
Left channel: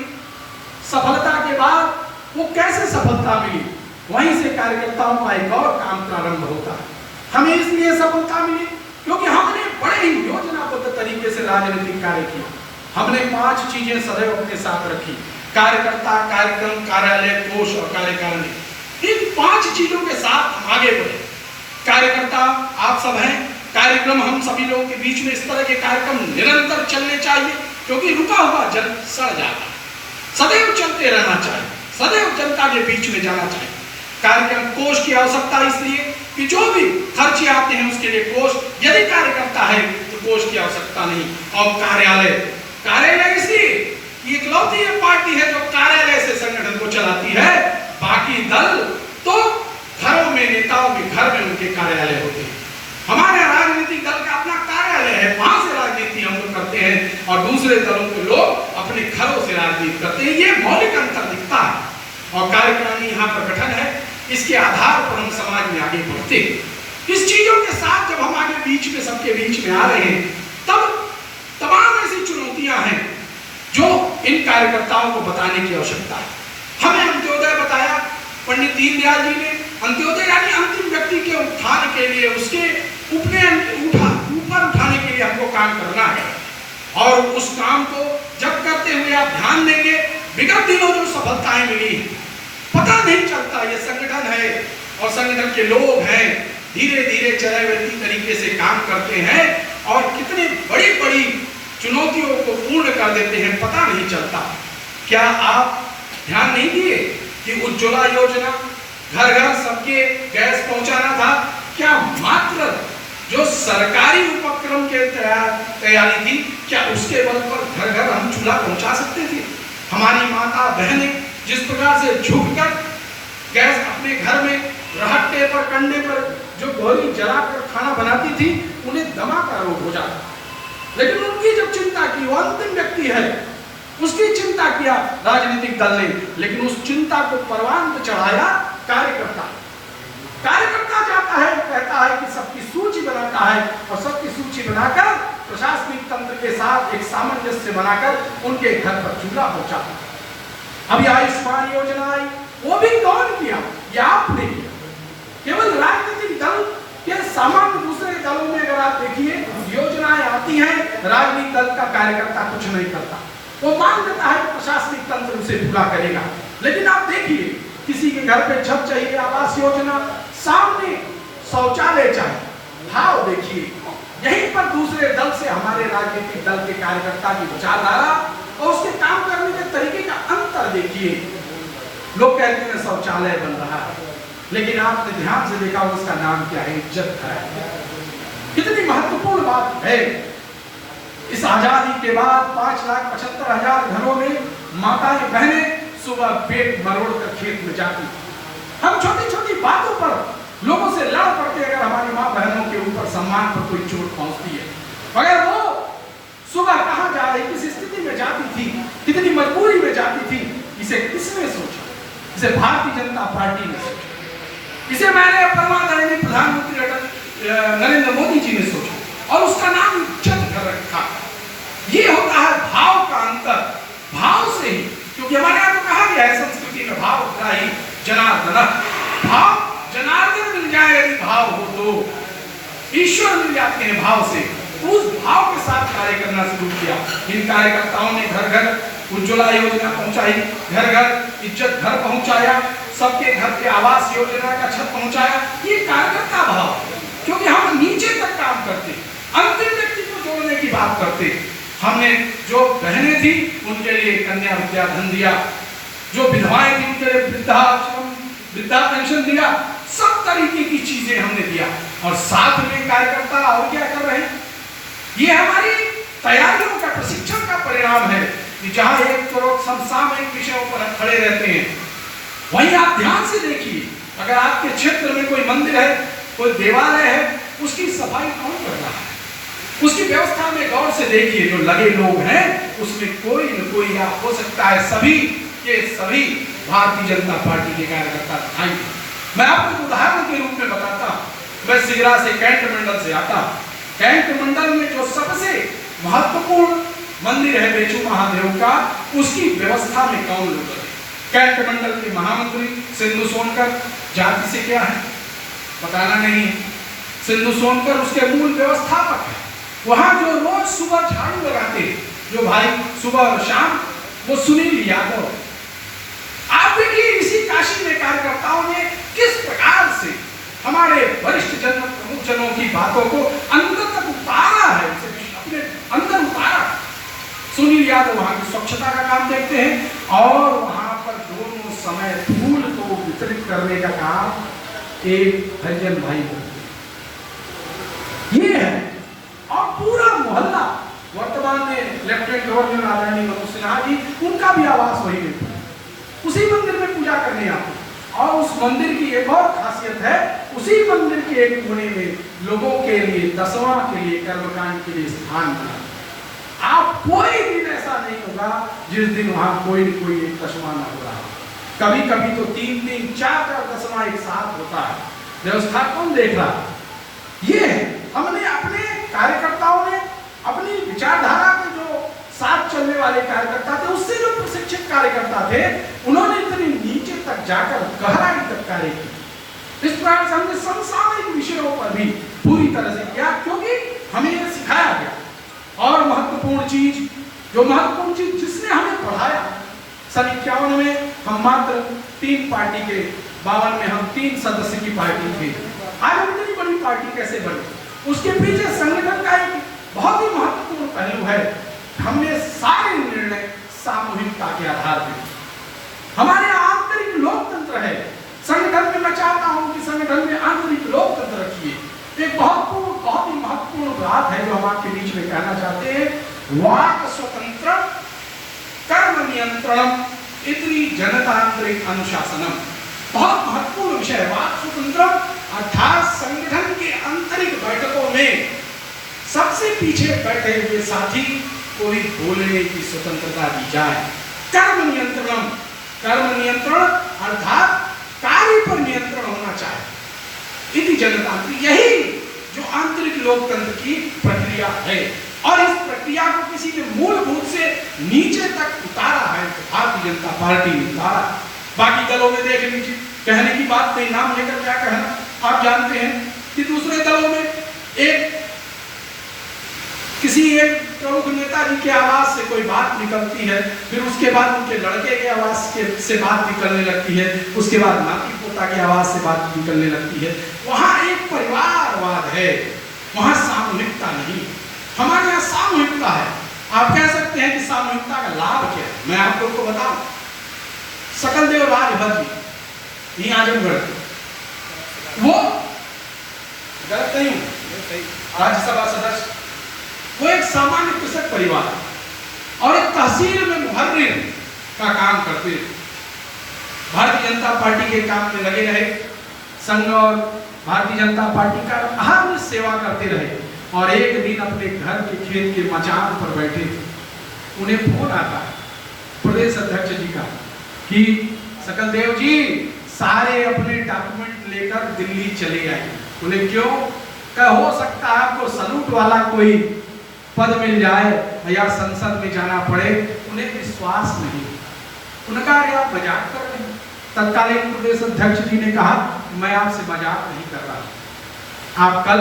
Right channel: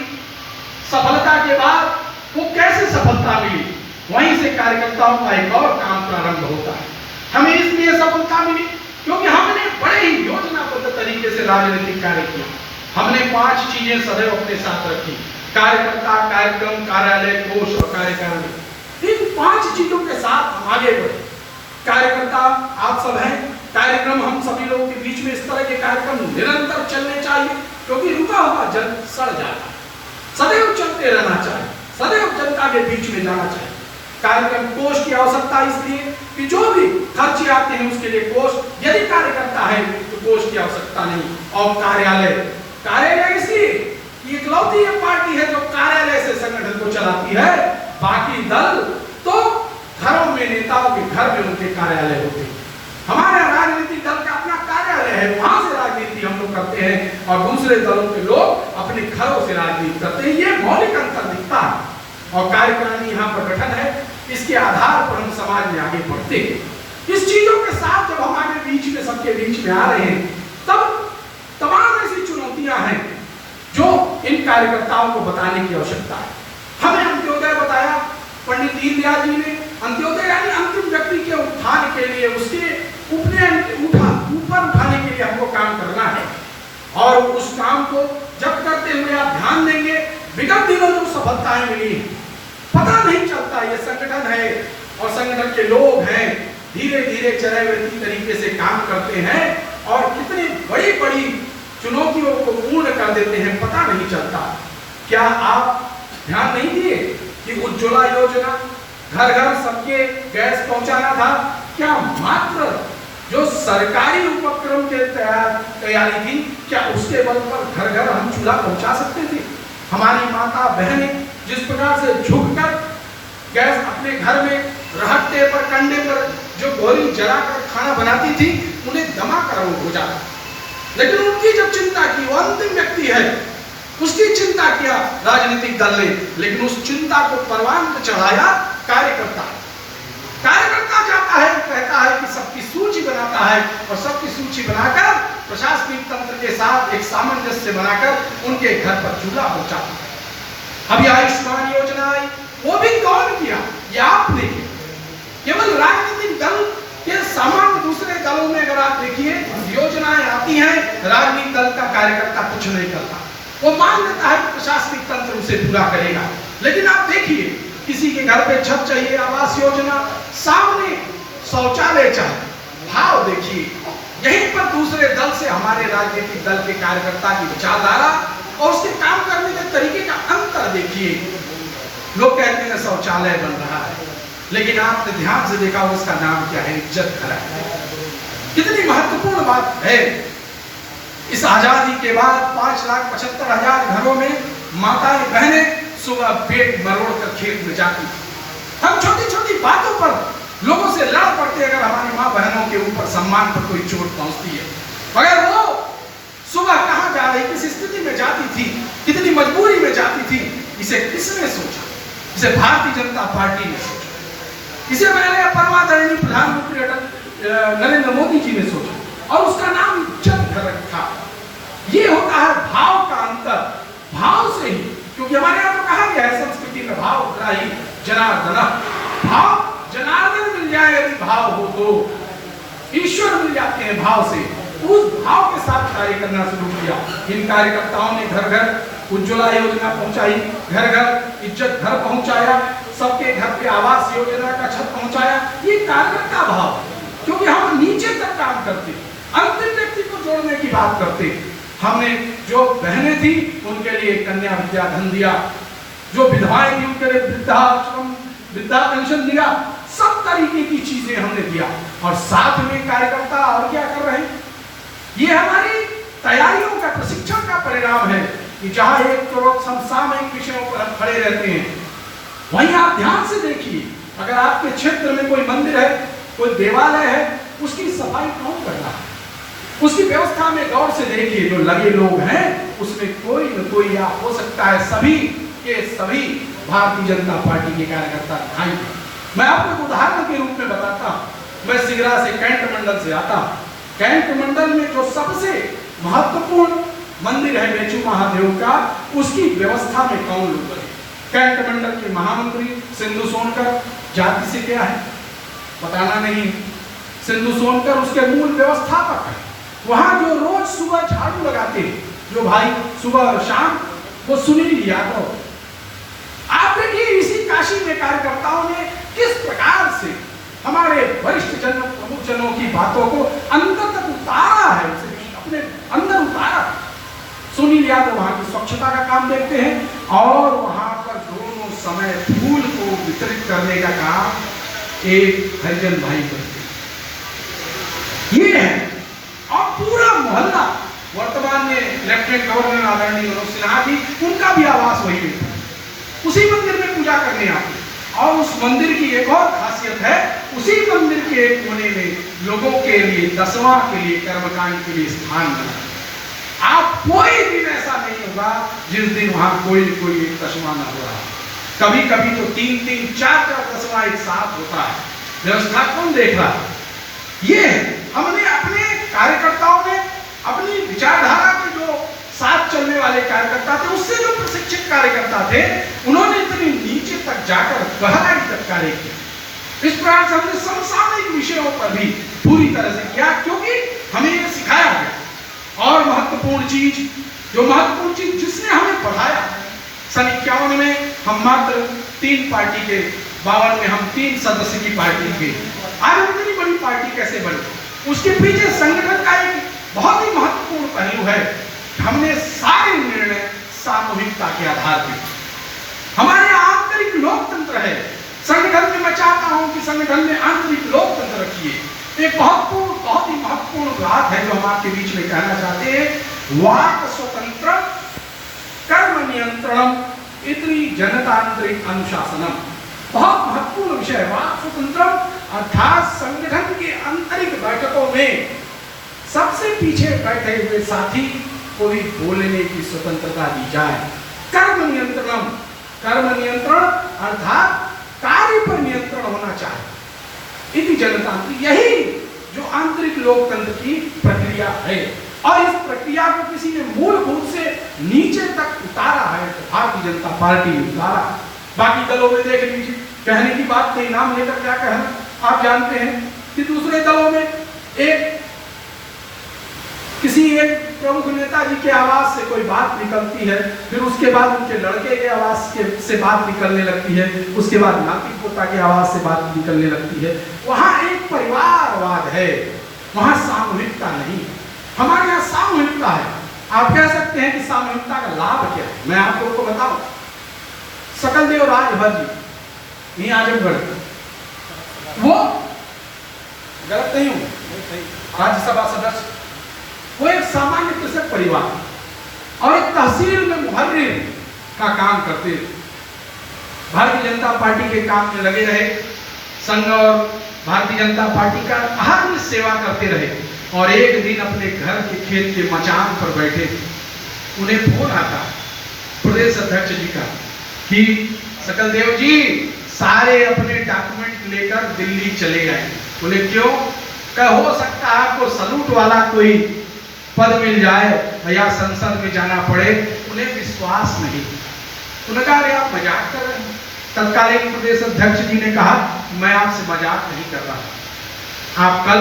सफलता के बाद वो कैसे सफलता मिली, वहीं से कार्यकर्ताओं का एक और काम प्रारंभ होता है। हमें इसलिए सफलता मिली क्योंकि हमने बड़े ही योजनाबद्ध तरीके से राजनीतिक कार्य किया। हमने 5 चीजें सदैव अपने साथ रखी, कार्यकर्ता, कार्यक्रम, कार्यालय, कोष और कार्यकारिणी। इन 5 चीजों के साथ हम आगे बढ़े। कार्यकर्ता आप सब हैं, कार्यक्रम हम सभी लोगों के बीच में इस तरह के कार्यक्रम निरंतर चलने चाहिए, क्योंकि रुका हुआ जल सड़ जाता, सदैव चलते रहना चाहिए, सदैव जनता के बीच में जाना चाहिए। कार्यक्रम कोष की आवश्यकता इसलिए कि जो भी खर्चे आते हैं उसके लिए कोष, यदि कार्यकर्ता है तो कोष की आवश्यकता नहीं। और कार्यालय इसलिए कि इकलौती ये पार्टी है जो कार्यालय से संगठन को चलाती है, बाकी दल तो घरों में, नेताओं के घर में उनके कार्यालय होते हैं। हमारे राजनीतिक दल का अपना कार्यालय है, वहां से राजनीति हम लोग करते हैं और दूसरे दलों के लोग अपने घरों से राजनीति करते हैं। ये मौलिक अंतर दिखता है और कार्यकारिणी यहाँ पर गठन है, इसके आधार पर हम समाज में आगे बढ़ते हैं। इस चीजों के साथ जब हम आगे बीच में सबके बीच में आ रहे हैं, तब तमाम ऐसी चुनौतियां हैं जो इन कार्यकर्ताओं को बताने की आवश्यकता है। हमें अंत्योदय बताया पंडित दीनदयाल जी ने, अंत्योदय यानी अंतिम व्यक्ति के उत्थान के लिए, उसके ऊपर उठाने के लिए हमको काम करना है और उस काम को जब करते हुए आप ध्यान देंगे, विगत दिनों जो सफलताएं मिली हैं, पता नहीं चलता ये संगठन है और संगठन के लोग हैं, धीरे धीरे चरैवेती तरीके से काम करते हैं और कितनी बड़ी बड़ी चुनौतियों को पूर्ण कर देते हैं, पता नहीं चलता। क्या आप ध्यान नहीं दिए कि उज्ज्वला योजना, घर घर सबके गैस पहुंचाना था, क्या मात्र जो सरकारी उपक्रम के तैयारी थी, क्या उसके बल पर घर घर हम चूल्हा पहुंचा सकते थे? हमारी माता बहनें जिस प्रकार से झुककर गैस अपने घर में रहट्टे पर, कंडे पर जो गोली जलाकर खाना बनाती थी, उन्हें दमा का रोग हो जाता, लेकिन उनकी जब चिंता की, वो अंतिम व्यक्ति है, उसकी चिंता किया राजनीतिक दल ने, लेकिन उस चिंता को परवान पर चढ़ाया कार्यकर्ता। कार्यकर्ता जाता है, कहता है कि सबकी सूची बनाता है और सबकी सूची बनाकर प्रशासनिक तंत्र के साथ एक सामंजस्य बनाकर उनके घर पर चूल्हा पहुंचाता है। अभी आयुष्मान योजना आई, वो भी कौन किया? ये आपने किया। केवल राजनीतिक दल दलों में अगर आप देखिए योजनाएं आती हैं, राजनीतिक दल का कार्यकर्ता कुछ नहीं करता, वो मान लेता है कि प्रशासनिक तंत्र उसे पूरा करेगा। लेकिन आप देखिए किसी के घर पे छत चाहिए, आवास योजना, सामने शौचालय चाहिए, भाव देखिए। यहीं पर दूसरे दल से हमारे राजनीतिक दल के कार्यकर्ता की विचारधारा और उसके काम करने के तरीके का अंतर देखिए। लोग कहते हैं शौचालय बन रहा है, लेकिन आपने ध्यान से देखा उसका नाम क्या है? इज्जत घर है। कितनी महत्वपूर्ण बात है। इस आजादी के बाद 5,75,000 घरों में माताएं बहनें सुबह पेट मरोड़ कर खेत में जाती थी। हम छोटी छोटी बातों पर लोगों से लड़ पड़ते अगर हमारी माँ बहनों के ऊपर सम्मान पर कोई चोट पहुंचती है। मगर वो सुबह कहां जा रही, किस स्थिति में जाती थी, कितनी मजबूरी में जाती थी, इसे किसने सोचा? इसे भारतीय जनता पार्टी ने सोचा। इसे मैंने परमादरणीय प्रधानमंत्री नरेंद्र मोदी जी ने सोचा और उसका नाम इज्जत घर रखा। ये होता है भाव का अंतर, भाव से ही, क्योंकि हमारे यहाँ तो कहा गया है संस्कृति में भाव ग्राही जनार्दन। भाव जनार्दन मिल जाए यदि भाव हो तो ईश्वर मिल जाते हैं भाव से। उस भाव के साथ कार्य करना शुरू किया। इन कार्यकर्ताओं ने घर घर उज्ज्वला योजना पहुंचाई, घर घर इज्जत घर पहुंचाया, सबके घर पे आवास योजना का छत पहुंचाया। ये कार्यकर्ता भाव, क्योंकि हम नीचे तक काम करते, अंतिम व्यक्ति को जोड़ने की बात करते। हमने जो बहनें थी उनके लिए कन्या विद्या धन दिया, जो विधवाएं थी उनके लिए वृद्धाश्रम वृद्धा पेंशन दिया, सब तरीके की चीजें हमने दिया। और साथ में कार्यकर्ता और क्या कर रहे हैं? ये हमारी तैयारियों का, प्रशिक्षण का परिणाम है कि जहां एक समसामयिक विषयों पर हम खड़े रहते हैं, वहीं आप ध्यान से देखिए, अगर आपके क्षेत्र में कोई मंदिर है, कोई देवालय है, उसकी सफाई कौन कर रहा है? उसकी व्यवस्था में गौर से देखिए। जो लगे लोग हैं उसमें कोई न कोई, या हो सकता है सभी के सभी भारतीय जनता पार्टी के कार्यकर्ता दिखाई। मैं आपको उदाहरण के रूप में बताता हूं। मैं सिगरा से कैंट मंडल से आता हूं। कैंट मंडल में जो सबसे महत्वपूर्ण मंदिर है बेचू महादेव का, उसकी व्यवस्था में कौन लोग है? कैंट मंडल के महामंत्री सिंधु सोनकर। जाति से क्या है बताना नहीं, सिंधु सोनकर उसके मूल व्यवस्थापक है। वहां जो रोज सुबह झाड़ू लगाते, जो भाई सुबह और शाम, वो सुनील यादव। आप देखिए इसी काशी में कार्यकर्ताओं ने किस प्रकार से हमारे वरिष्ठ जन, प्रमुख जनों की बातों को अंदर तक उतारा है, अपने अंदर उतारा। सुनील यादव वहां की स्वच्छता का काम देखते हैं और वहां पर दोनों समय फूल को वितरित करने का काम एक हरिजन भाई करते हैं। ये है। और पूरा मोहल्ला, वर्तमान में लेफ्टिनेंट गवर्नर आदरणीय मनोज सिन्हा जी, उनका भी आवास वही में था, उसी मंदिर में पूजा करने आते। और उस मंदिर की एक और खासियत है, उसी मंदिर के एक कोने में लोगों के लिए दसवां के लिए, कर्मकांड के लिए स्थान बना। आप कोई दिन ऐसा नहीं होगा जिस दिन वहां कोई एक दसवां न हो रहा। कभी कभी तो 3-3, 4-4 दसवां एक साथ होता है। व्यवस्था कौन देख रहा है? ये हमने अपने कार्यकर्ताओं ने, अपनी विचारधारा के जो साथ चलने वाले कार्यकर्ता थे, उससे जो प्रशिक्षित कार्यकर्ता थे, उन्होंने इतनी नीचे तक जाकर गहराई तक कार्य किया। इस प्रकार से हमने समसामयिक विषयों पर भी पूरी तरह से किया, क्योंकि हमें यह सिखाया गया। और महत्वपूर्ण चीज जिसने हमें पढ़ाया, सन 51 में हम मात्र 3 पार्टी के, 52 में हम 3 सदस्य की पार्टी थे। आज इतनी बड़ी पार्टी कैसे बनी? उसके पीछे संगठन का एक बहुत ही महत्वपूर्ण पहलू है। हमने सारे निर्णय सामूहिकता के आधार पर, हमारे आंतरिक लोकतंत्र है संगठन में। मैं चाहता हूं कि संगठन में आंतरिक लोकतंत्र रखिए। एक बहुत ही महत्वपूर्ण बात है जो हम आपके बीच में कहना चाहते हैं। वाक स्वतंत्र, कर्म नियंत्रण, इतनी जनतांत्रिक अनुशासनम, बहुत महत्वपूर्ण विषय है। वाक स्वतंत्र अर्थात संगठन के आंतरिक बैठकों में सबसे पीछे बैठे हुए साथी को भी बोलने की स्वतंत्रता दी जाए। कर्म नियंत्रण अर्थात कार्य पर नियंत्रण होना चाहिए। इति जनतांत्रिक, यही जो आंतरिक लोकतंत्र की प्रक्रिया है। और इस प्रक्रिया को किसी ने मूलभूत से नीचे तक उतारा है तो भारतीय जनता पार्टी ने उतारा। बाकी दलों में देख लीजिए, कहने की बात नहीं, नाम लेकर क्या कहना। आप जानते हैं कि दूसरे दलों में एक किसी एक प्रमुख नेताजी के आवाज से कोई बात निकलती है, फिर उसके बाद उनके लड़के के आवाज से बात निकलने लगती है, उसके बाद नाती पोता के आवाज से बात निकलने लगती है। वहां एक परिवारवाद है, वहां सामूहिकता नहीं। हमारे यहाँ सामूहिकता है। आप कह सकते हैं कि सामूहिकता का लाभ क्या है। मैं आप लोग को बताऊं, सकलदेव राजभर जी यही आजमगढ़, वो गलत नहीं हूं, राज्यसभा सदस्य, वो एक सामान्य कृषक परिवार और एक तहसील में मुहर्रिर का काम करते थे। भारतीय जनता पार्टी के काम में लगे रहे, संघ और भारतीय जनता पार्टी का हर सेवा करते रहे। और एक दिन अपने घर के खेत के मचान पर बैठे थे, उन्हें फोन आता प्रदेश अध्यक्ष जी का कि सकलदेव जी सारे अपने डॉक्यूमेंट लेकर दिल्ली चले आए। बोले क्यों? हो सकता है आपको सलूट वाला कोई पद मिल जाए या संसद में जाना पड़े। उन्हें विश्वास नहीं। उन्होंने कहा अरे आप मजाक कर रहे हैं। तत्कालीन प्रदेश अध्यक्ष जी ने कहा मैं आपसे मजाक नहीं कर रहा, आप कल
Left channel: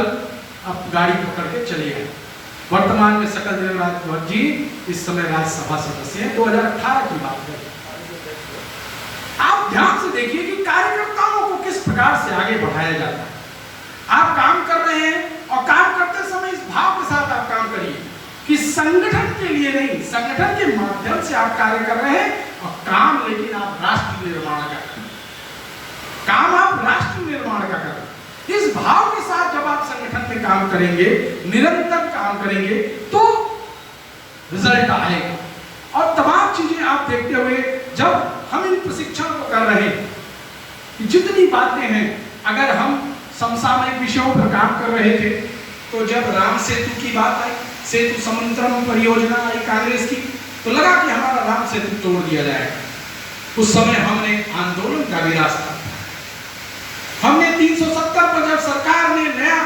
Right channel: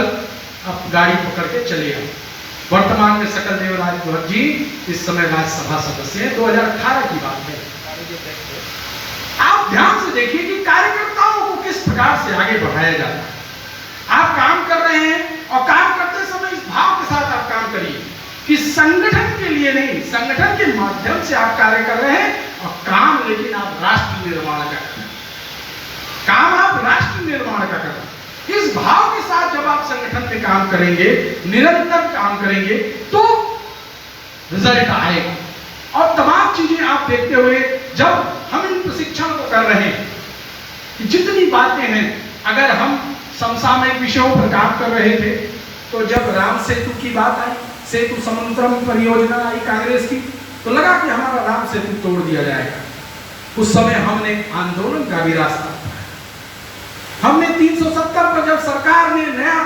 आप गाड़ी पकड़ के चले आए। वर्तमान में सकलदेव राजभर जी इस समय राज्यसभा सदस्य हैं, 2018 की बात है। आप ध्यान से देखिए कि कार्यकर्ताओं को किस प्रकार से आगे बढ़ाया जाता है। आप काम कर रहे हैं और काम करते समय इस भाव के साथ आप काम करिए कि संगठन के लिए नहीं, संगठन के माध्यम से आप कार्य कर रहे हैं और काम लेकिन आप राष्ट्र निर्माण का कर रहे हैं। काम आप राष्ट्र निर्माण का कर रहे हैं। इस भाव के साथ जब आप संगठन में काम करेंगे, निरंतर काम करेंगे, तो रिजल्ट आएगा। और तमाम चीजें आप देखते हुए जब हम इन प्रशिक्षण को कर रहे हैं कि जितनी बातें हैं, अगर हम समसामयिक विषयों पर काम कर रहे थे तो जब राम सेतु की बात आई, सेतु समुद्रम परियोजना आई कांग्रेस की, तो लगा कि हमारा राम सेतु तोड़ दिया जाएगा। उस समय हमने आंदोलन का भी रास्ता, हमने 370 पर जब सरकार ने नया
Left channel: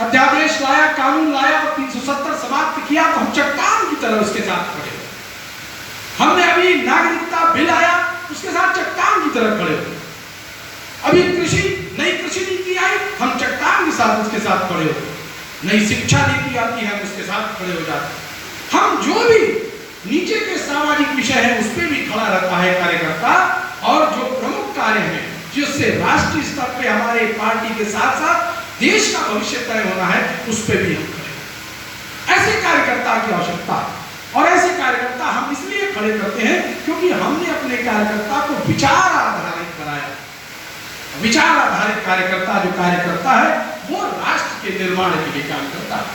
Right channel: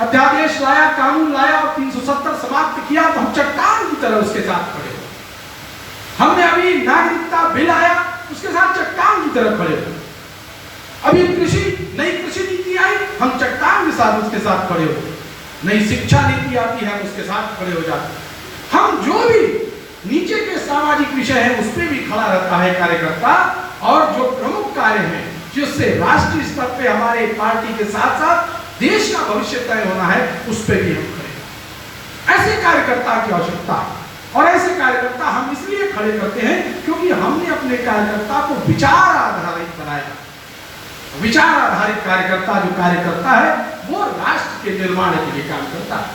अध्यादेश लाया, कानून लाया और 370 समाप्त किया, तो हम चट्टान की तरह उसके साथ खड़े। हमने अभी नागरिकता बिल आया, उसके साथ चट्टान की तरह खड़े। अभी नई कृषि नीति आई, हम चट्टान के साथ उसके साथ खड़े होते। नई शिक्षा नीति आती है, उसके साथ खड़े हो जाते। हम जो भी नीचे के सामाजिक विषय है उस पर भी खड़ा रहता है कार्यकर्ता। और जो प्रमुख कार्य है जिससे राष्ट्रीय स्तर पे हमारे पार्टी के साथ साथ देश का भविष्य तय होना है, उस पर भी हम खड़े। ऐसे कार्यकर्ता की आवश्यकता है और ऐसे कार्यकर्ता हम इसलिए खड़े करते हैं क्योंकि हमने अपने कार्यकर्ता को विचार आधारित बनाया। विचार आधारित कार्यकर्ता जो कार्यकर्ता है वो राष्ट्र के निर्माण के लिए काम करता है,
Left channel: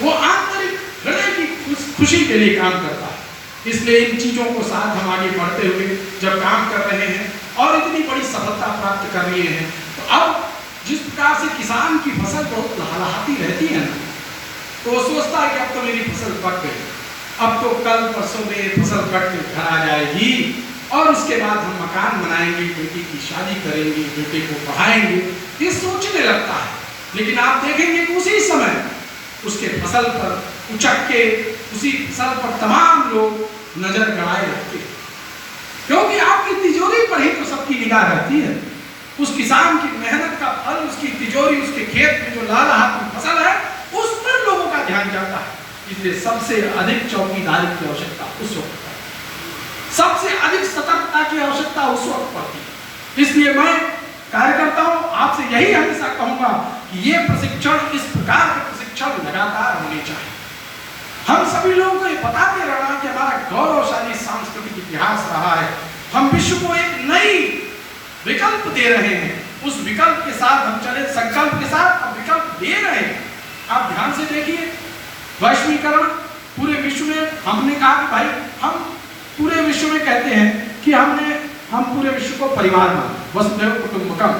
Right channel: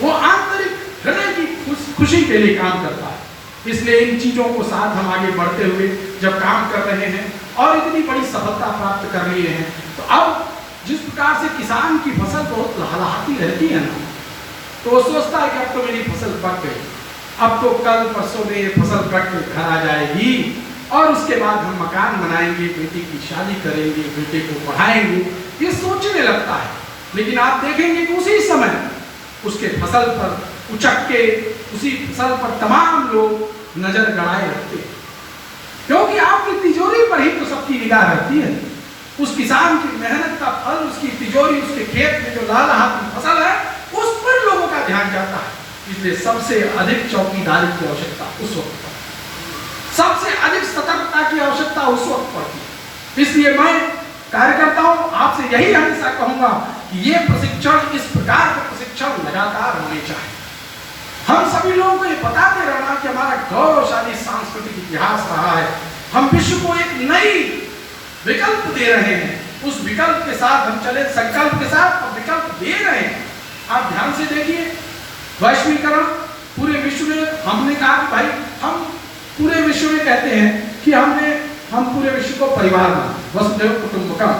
वो आंतरिक हृदय की खुशी के लिए काम करता है। इसलिए इन चीजों को साथ हम आगे बढ़ते हुए जब काम कर रहे हैं और इतनी बड़ी सफलता प्राप्त कर लिए हैं, तो अब जिस प्रकार से किसान की फसल बहुत लहलहाती रहती है ना, तो वो सोचता है कि अब तो मेरी फसल पक गई, अब तो कल परसों में फसल कट के घर आ जाएगी और उसके बाद हम मकान बनाएंगे, बेटी की शादी करेंगे, बेटे को पढ़ाएंगे, ये सोचने लगता है। लेकिन आप देखेंगे कि उसी समय उसके फसल पर उचक के, उसी फसल पर तमाम लोग नजर गड़ाए रखते हैं, क्योंकि आपकी तिजोरी पर ही तो सबकी निगाह रहती है। उस किसान की मेहनत का फल, उसकी तिजोरी, उसके खेत में जो लहलहाती फसल है, उस पर लोगों का ध्यान जाता है। इसलिए सबसे अधिक चौकीदारी की आवश्यकता उस वक्त पर, सबसे अधिक सतर्कता की आवश्यकता उस वक्त पड़ती है। इसलिए मैं कार्यकर्ताओं आपसे यही हमेशा कहूंगा कि ये प्रशिक्षण, इस प्रकार के प्रशिक्षण लगातार होने चाहिए। हम सभी लोगों को ये बताते रहना कि हमारा गौरवशाली सांस्कृतिक इतिहास रहा है, हम विश्व को एक नई विकल्प दे रहे हैं, उस विकल्प के साथ हम चले, संकल्प के साथ हम विकल्प दे रहे हैं। आप ध्यान से देखिए, वैश्वीकरण पूरे विश्व में, हमने कहा कि भाई हम पूरे विश्व में कहते हैं कि हम पूरे विश्व को परिवार माने, वसुधैव कुटुंबकम।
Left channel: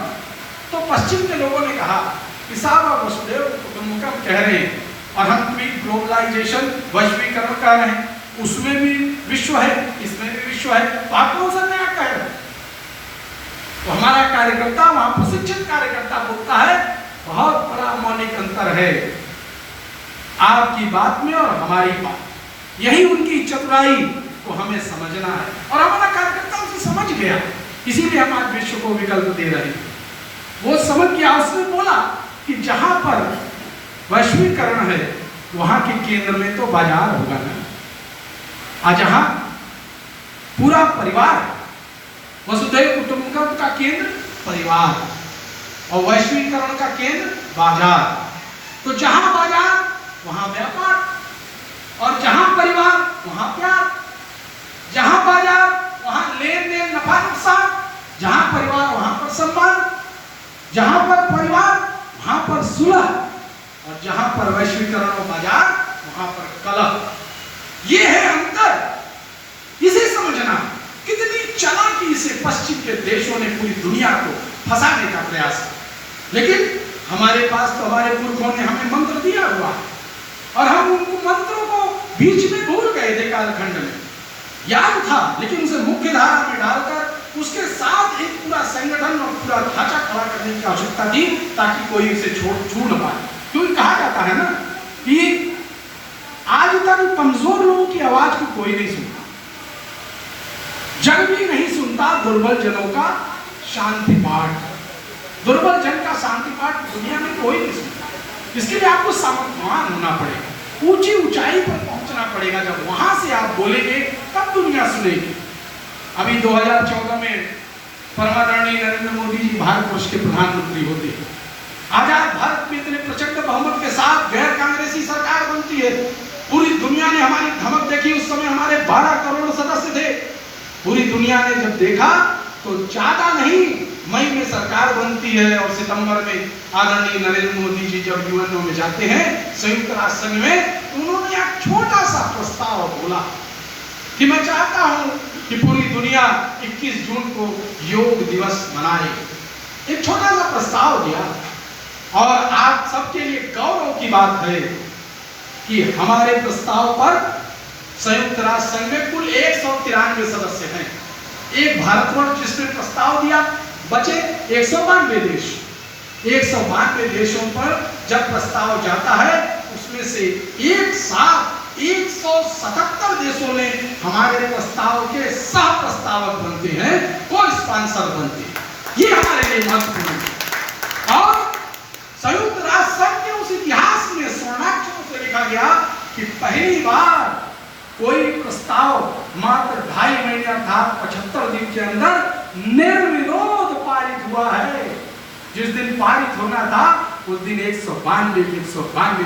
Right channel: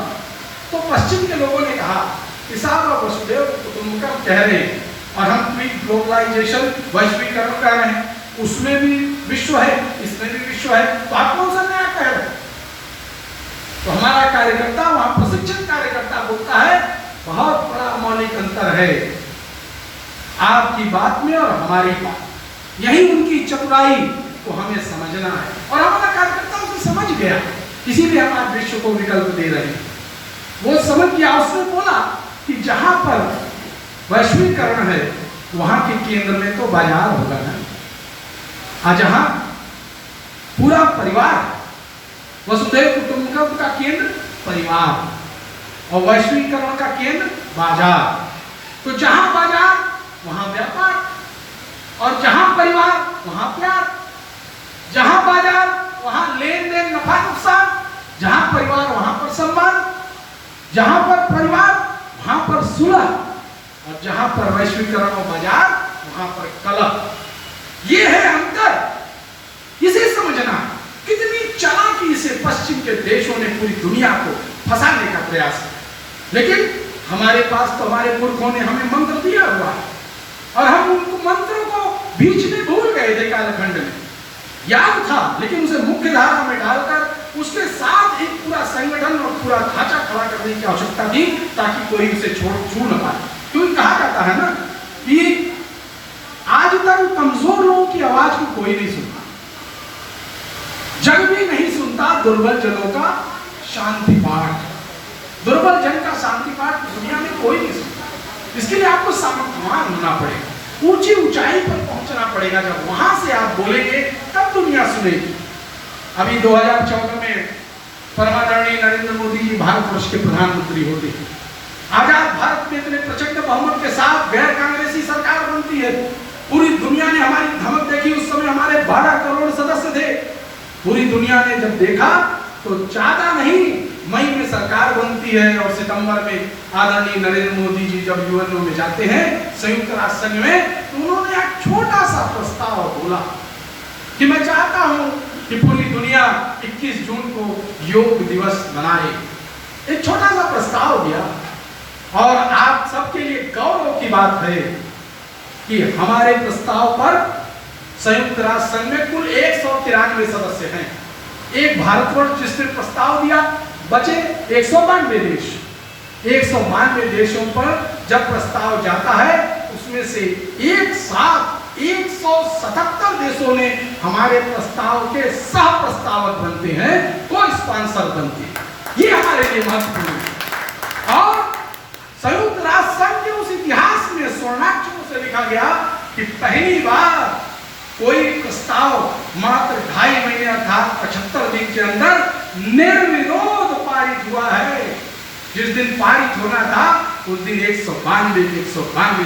तो पश्चिम के लोगों ने कहा कि साहब आप वसुधैव कुटुंबकम कह रहे हैं और हम ग्लोबलाइजेशन, वैश्वीकरण कह रहे हैं, उसमें भी विश्व है, इसमें भी विश्व है, तो आप कौन सा नया कह रहे हैं? तो हमारा कार्यकर्ता, वहां प्रशिक्षित कार्यकर्ता बोलता है बहुत बड़ा मौलिक अंतर है आपकी बात में और हमारी बात, यही उनकी चतुराई को हमें समझना है। और हमारा कार्यकर्ता उसे समझ गया, इसीलिए हम आज विश्व को विकल्प दे रहे हैं। वो समझ गया, उसने बोला कि जहां पर वैश्वीकरण है, वहां के केंद्र में तो बाजार होगा ना। आज जहां पूरा परिवार, वसुधैव कुटुंबकम का केंद्र परिवार और वैश्वीकरण का केंद्र बाजार। तो जहां बाजार वहां व्यापार, और जहां परिवार वहां प्यार। जहां बाजार वहां लेन देन, नफा नुकसान। जहां परिवार वहां पर सम्मान। जहां पर परिवार वहां पर सुलह, और जहां पर वैश्वीकरण और बाजार वहां पर कलह। ये है अंतर। इसे समझना, कितनी चालाकी से पश्चिम के देशों ने पूरी दुनिया को फंसाने का प्रयास किया। लेकिन हमारे पास तो हमारे पुरखों ने हमें मंत्र दिया हुआ, और हम उनको मंत्रों को बीच में भूल गए थे। कालखंड में याद था, लेकिन उसे मुख्य धारा में डालकर उसके साथ एक पूरा संगठन और पूरा ढांचा खड़ा करने की आवश्यकता थी, ताकि कोई उसे छूट न पाए। क्योंकि कहा जाता है ना कि आज तक कमजोर लोगों की आवाज को कोई नहीं सुनता, जग भी नहीं सुनता दुर्बल जनों का शांति पाठ। दुर्बल जन का शांति पाठ दुनिया में कोई नहीं सुनता। इसके लिए आपको सावधान होना पड़ेगा, ऊंची ऊंचाई पर पहुंचना पड़ेगा। जब वहां से आप बोलेंगे तब दुनिया सुनेगी। अभी 2014 में परमादरणीय नरेंद्र मोदी जी भारतवर्ष के प्रधानमंत्री होते हैं। आजाद भारत में इतने प्रचंड बहुमत के साथ गैर कांग्रेसी सरकार बनती है। पूरी दुनिया ने हमारी धमक देखी। उस समय हमारे 12 करोड़ सदस्य थे। पूरी दुनिया ने जब देखा तो ज्यादा नहीं, मई में सरकार बनती है, और सितंबर में आदरणीय नरेंद्र मोदी जी जब यूएनओ में जाते हैं, संयुक्त राष्ट्र संघ में, तो उन्होंने एक छोटा सा प्रस्ताव बोला कि मैं चाहता हूं कि पूरी दुनिया 21 जून को योग दिवस मनाए। एक छोटा सा प्रस्ताव दिया, और आप सबके लिए गौरव की बात है कि हमारे प्रस्ताव पर संयुक्त राष्ट्र संघ में कुल 193 सदस्य हैं। एक भारतवर्ष जिसने प्रस्ताव दिया, बचे 192 देश। 192 देशों पर जब प्रस्ताव जाता है, उसमें से एक साथ 177 देशों ने हमारे प्रस्ताव के सह प्रस्तावक बनते हैं, को स्पॉन्सर बनते हैं। ये हमारे लिए महत्वपूर्ण है। और संयुक्त राष्ट्र संघ के उस इतिहास में स्वर्णाक्षरों से लिखा गया कि पहली बार कोई प्रस्ताव मात्र 2.5 महीने अर्थात 75 दिन के अंदर निर्विरोध पारित हुआ है। जिस दिन पारित होना था उस दिन 192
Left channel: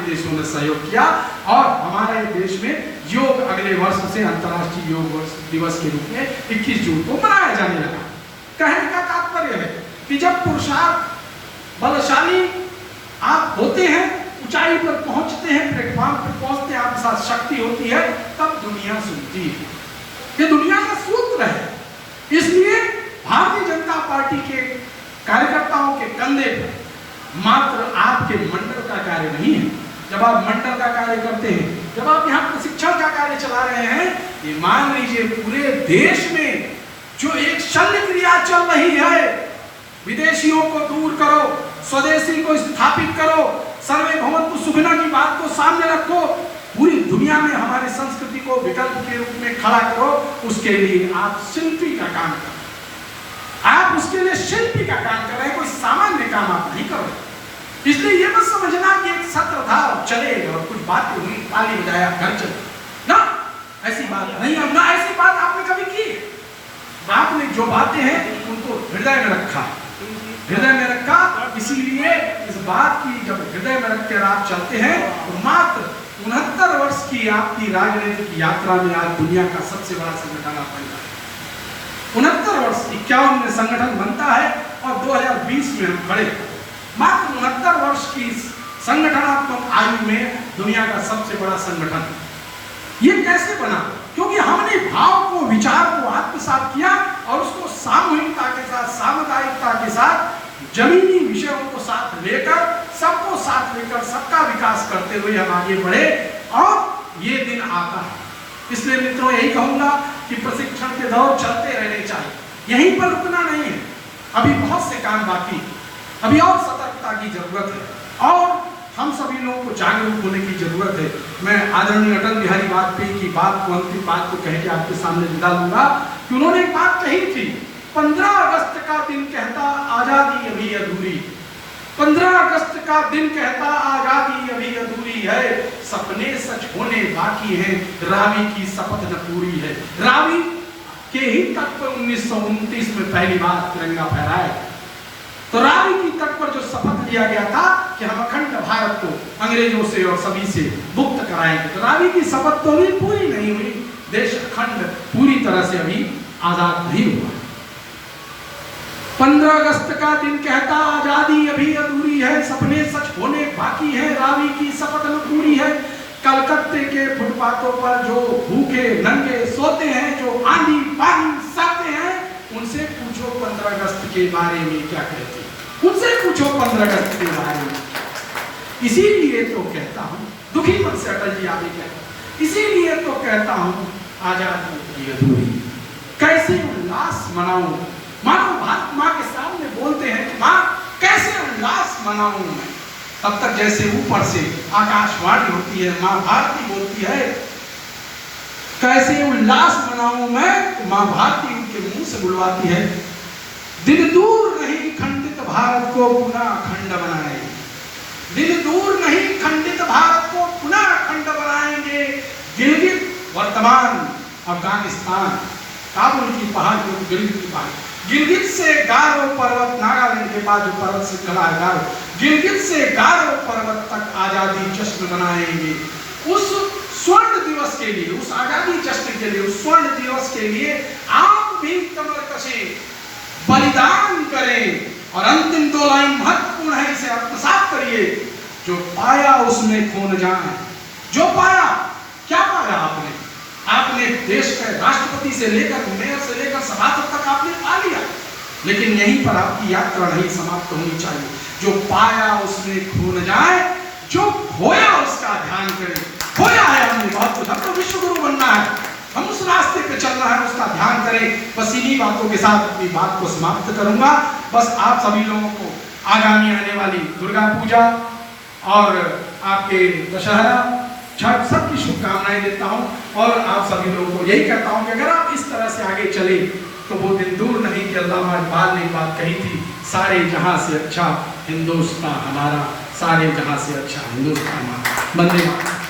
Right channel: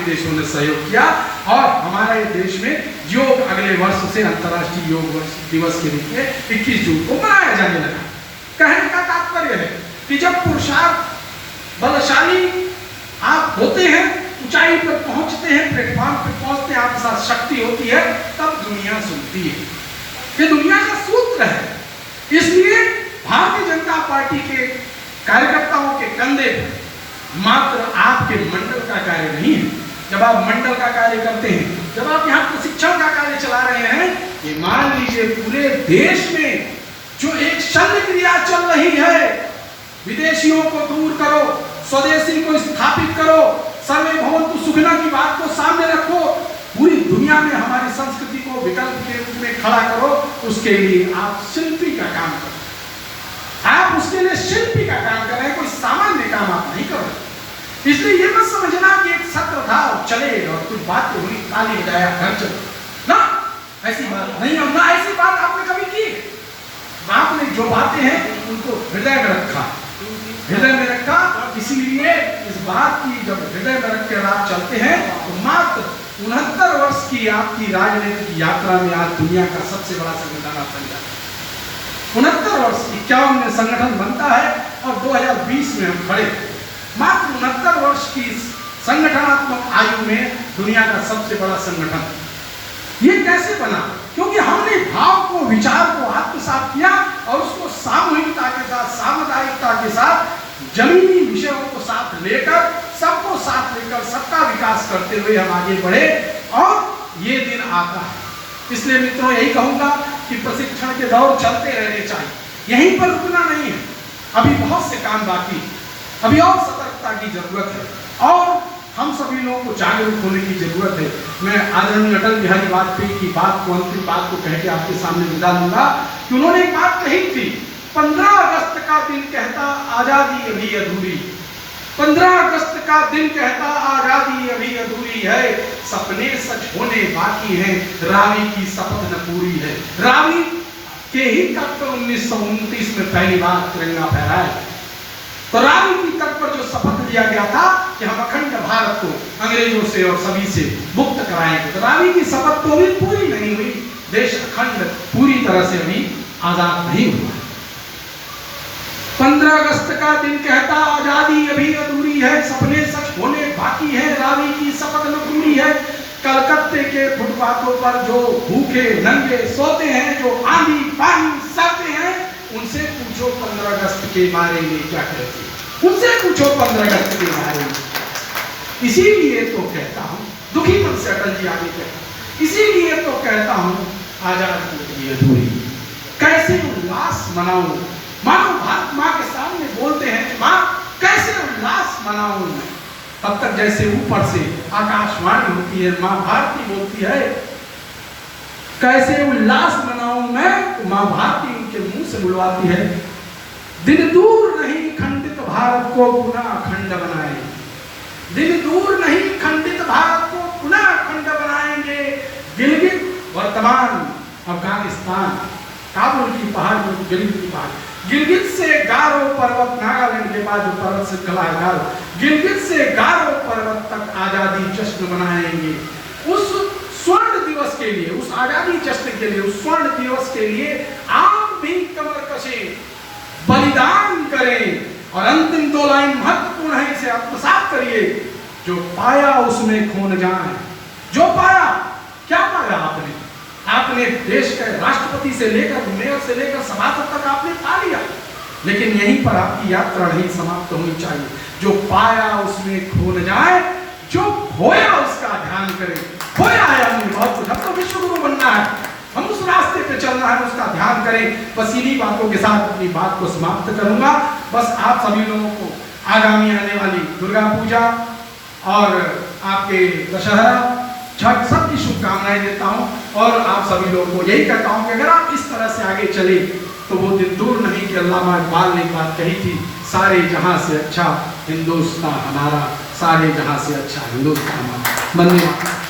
देशों ने सहयोग किया, और हमारे देश में योग अगले वर्ष से अंतर्राष्ट्रीय योग दिवस के रूप में 21 जून को मनाया जाने लगा। कहने का तात्पर्य है कि जब पुरुषार्थ बलशाली आप होते हैं, ऊंचाई पर पहुंचते हैं, प्लेटफॉर्म पर पहुंचते हैं, आपके साथ शक्ति होती है, तब दुनिया सुनती है। ये दुनिया का सूत्र है। इसलिए भारतीय जनता पार्टी के कार्यकर्ताओं के कंधे पर मात्र आपके मंडल का कार्य नहीं है। जब आप मंडल का कार्य करते हैं, जब आप यहाँ प्रशिक्षण का कार्य चला रहे हैं, ये मान लीजिए पूरे देश में जो एक शल्य क्रिया चल रही है, विदेशियों को दूर करो, स्वदेशी को स्थापित करो, सर्वे भवन्तु सुखिनः की बात को सामने रखो, पूरी दुनिया में हमारी संस्कृति को विकल्प के रूप में खड़ा करो, उसके लिए आप शिल्पी का काम करो। आप उसके लिए शिल्पी का काम कर रहे हैं, कोई सामान्य काम आप नहीं कर रहे। इसलिए ये मत समझना कि एक सत्र था और चले और कुछ बातें हुई, ताली बजाया, घर चले ना, ऐसी बात नहीं। और ना ऐसी बात आपने कभी की। आपने जो बातें हैं उनको हृदय में रखा, हृदय में रखा। इसीलिए इस बात की जब हृदय में रख कर आप चलते हैं, तो मात्र 69 वर्ष की आपकी राजनीतिक यात्रा में आज दुनिया का सबसे बड़ा संगठन आप बन जाते हैं। 69 वर्ष, 51 में संगठन बनता है और 2020 में हम खड़े। मात्र 69 वर्ष की संगठनात्मक आयु में दुनिया का सबसे बड़ा संगठन। ये कैसे बना? क्योंकि हमने भाव को, विचार को आत्मसात किया और उसको सामूहिकता के साथ, सामुदायिकता के साथ, जमीनी विषयों को साथ लेकर, सबको साथ लेकर, सबका विकास करते हुए हम आगे बढ़े और ये दिन आता है। इसलिए मित्रों यही कहूंगा कि प्रशिक्षण के दौर चलते रहने चाहिए, यहीं पर रुकना नहीं है। अभी बहुत से काम बाकी, अभी और सतर्कता की जरूरत है और हम सभी लोगों को जागरूक होने की जरूरत है। मैं आदरणीय अटल बिहारी वाजपेयी की बात को, अंतिम बात को कह के आपके सामने विदा लूंगा कि उन्होंने एक बात कही थी, 15 अगस्त का दिन कहता आजादी अभी अधूरी, 15 अगस्त का दिन कहता आजादी अभी अधूरी है, सपने सच होने बाकी हैं, रावी की शपथ न पूरी है। रावी के ही तट पर 1929 में पहली बार तिरंगा फहराया। तो रावी की तट पर जो शपथ लिया गया था कि हम अखंड भारत को अंग्रेजों से और सभी से मुक्त कराएंगे, तो रावी की शपथ तो अभी पूरी नहीं हुई। देश अखंड पूरी तरह से अभी आजाद नहीं हुआ। 15 अगस्त का दिन कहता आजादी अभी अधूरी है, सपने सच होने बाकी है, रावी की शपथ न पूरी है। कलकत्ते के फुटपाथों पर जो भूखे नंगे सोते हैं, जो आंधी पानी सहते हैं, उनसे पूछो 15 अगस्त के बारे में क्या कहते हैं, उनसे पूछो 15 अगस्त के बारे में। इसीलिए तो कहता हूं, दुखी मन से अटल जी आगे कहते, इसीलिए तो कहता हूं आजादी अधूरी। कैसे उल्लास मनाऊं, मानो भारत माँ के सामने बोलते हैं कि माँ कैसे उल्लास मनाऊं मैं, तब तक जैसे ऊपर से आकाशवाणी होती है, माँ भारती बोलती है कैसे उल्लास मनाऊं मैं, माँ भारती उनके मुंह से बुलवाती है, दिन दूर नहीं खंडित भारत को पुनः अखंड बनाएंगे, दिन दूर नहीं खंडित भारत को पुनः अखंड बनाएंगे। गिलगित वर्तमान अफगानिस्तान, काबुल की पहाड़ में गिलगित की पहाड़, गिलगित से गारो पर्वत, नागालैंड के बाद जो पर्वत श्रृंखला है गारो, गिलगित से गारो पर्वत तक आजादी जश्न मनाएंगे। उस स्वर्ण दिवस के लिए, उस आजादी जश्न के लिए, उस स्वर्ण दिवस के लिए आप भी कमर कसें, बलिदान करें। और अंतिम 2 लाइन महत्वपूर्ण है, इसे आत्मसात करिए, जो पाया उसमें खो न जाए। जो पाया, क्या पाया आपने? आपने देश के राष्ट्रपति से लेकर मेयर से लेकर सभासद तक आपने पा लिया, लेकिन यहीं पर आपकी यात्रा नहीं समाप्त होनी चाहिए। जो पाया उसमें खो न जाए, जो खोया उसका ध्यान करें। खोया है हमने बहुत कुछ, अब तो विश्व गुरु बनना है, हम उस रास्ते पे चलना है, उसका ध्यान करें। बस इन्हीं बातों के साथ अपनी बात को समाप्त करूंगा। बस आप सभी लोगों को आगामी आने वाली दुर्गा पूजा और आपके दशहरा छठ सबकी शुभकामनाएं देता हूं, और आप सभी लोगों को यही कहता हूं कि अगर आप इस तरह से आगे चले तो वो दिन दूर नहीं कि अल्लामा इकबाल ने बात कही थी, सारे जहां से अच्छा हिंदुस्तान हमारा, सारे जहां से अच्छा हिंदुस्तान हमारा। धन्यवाद।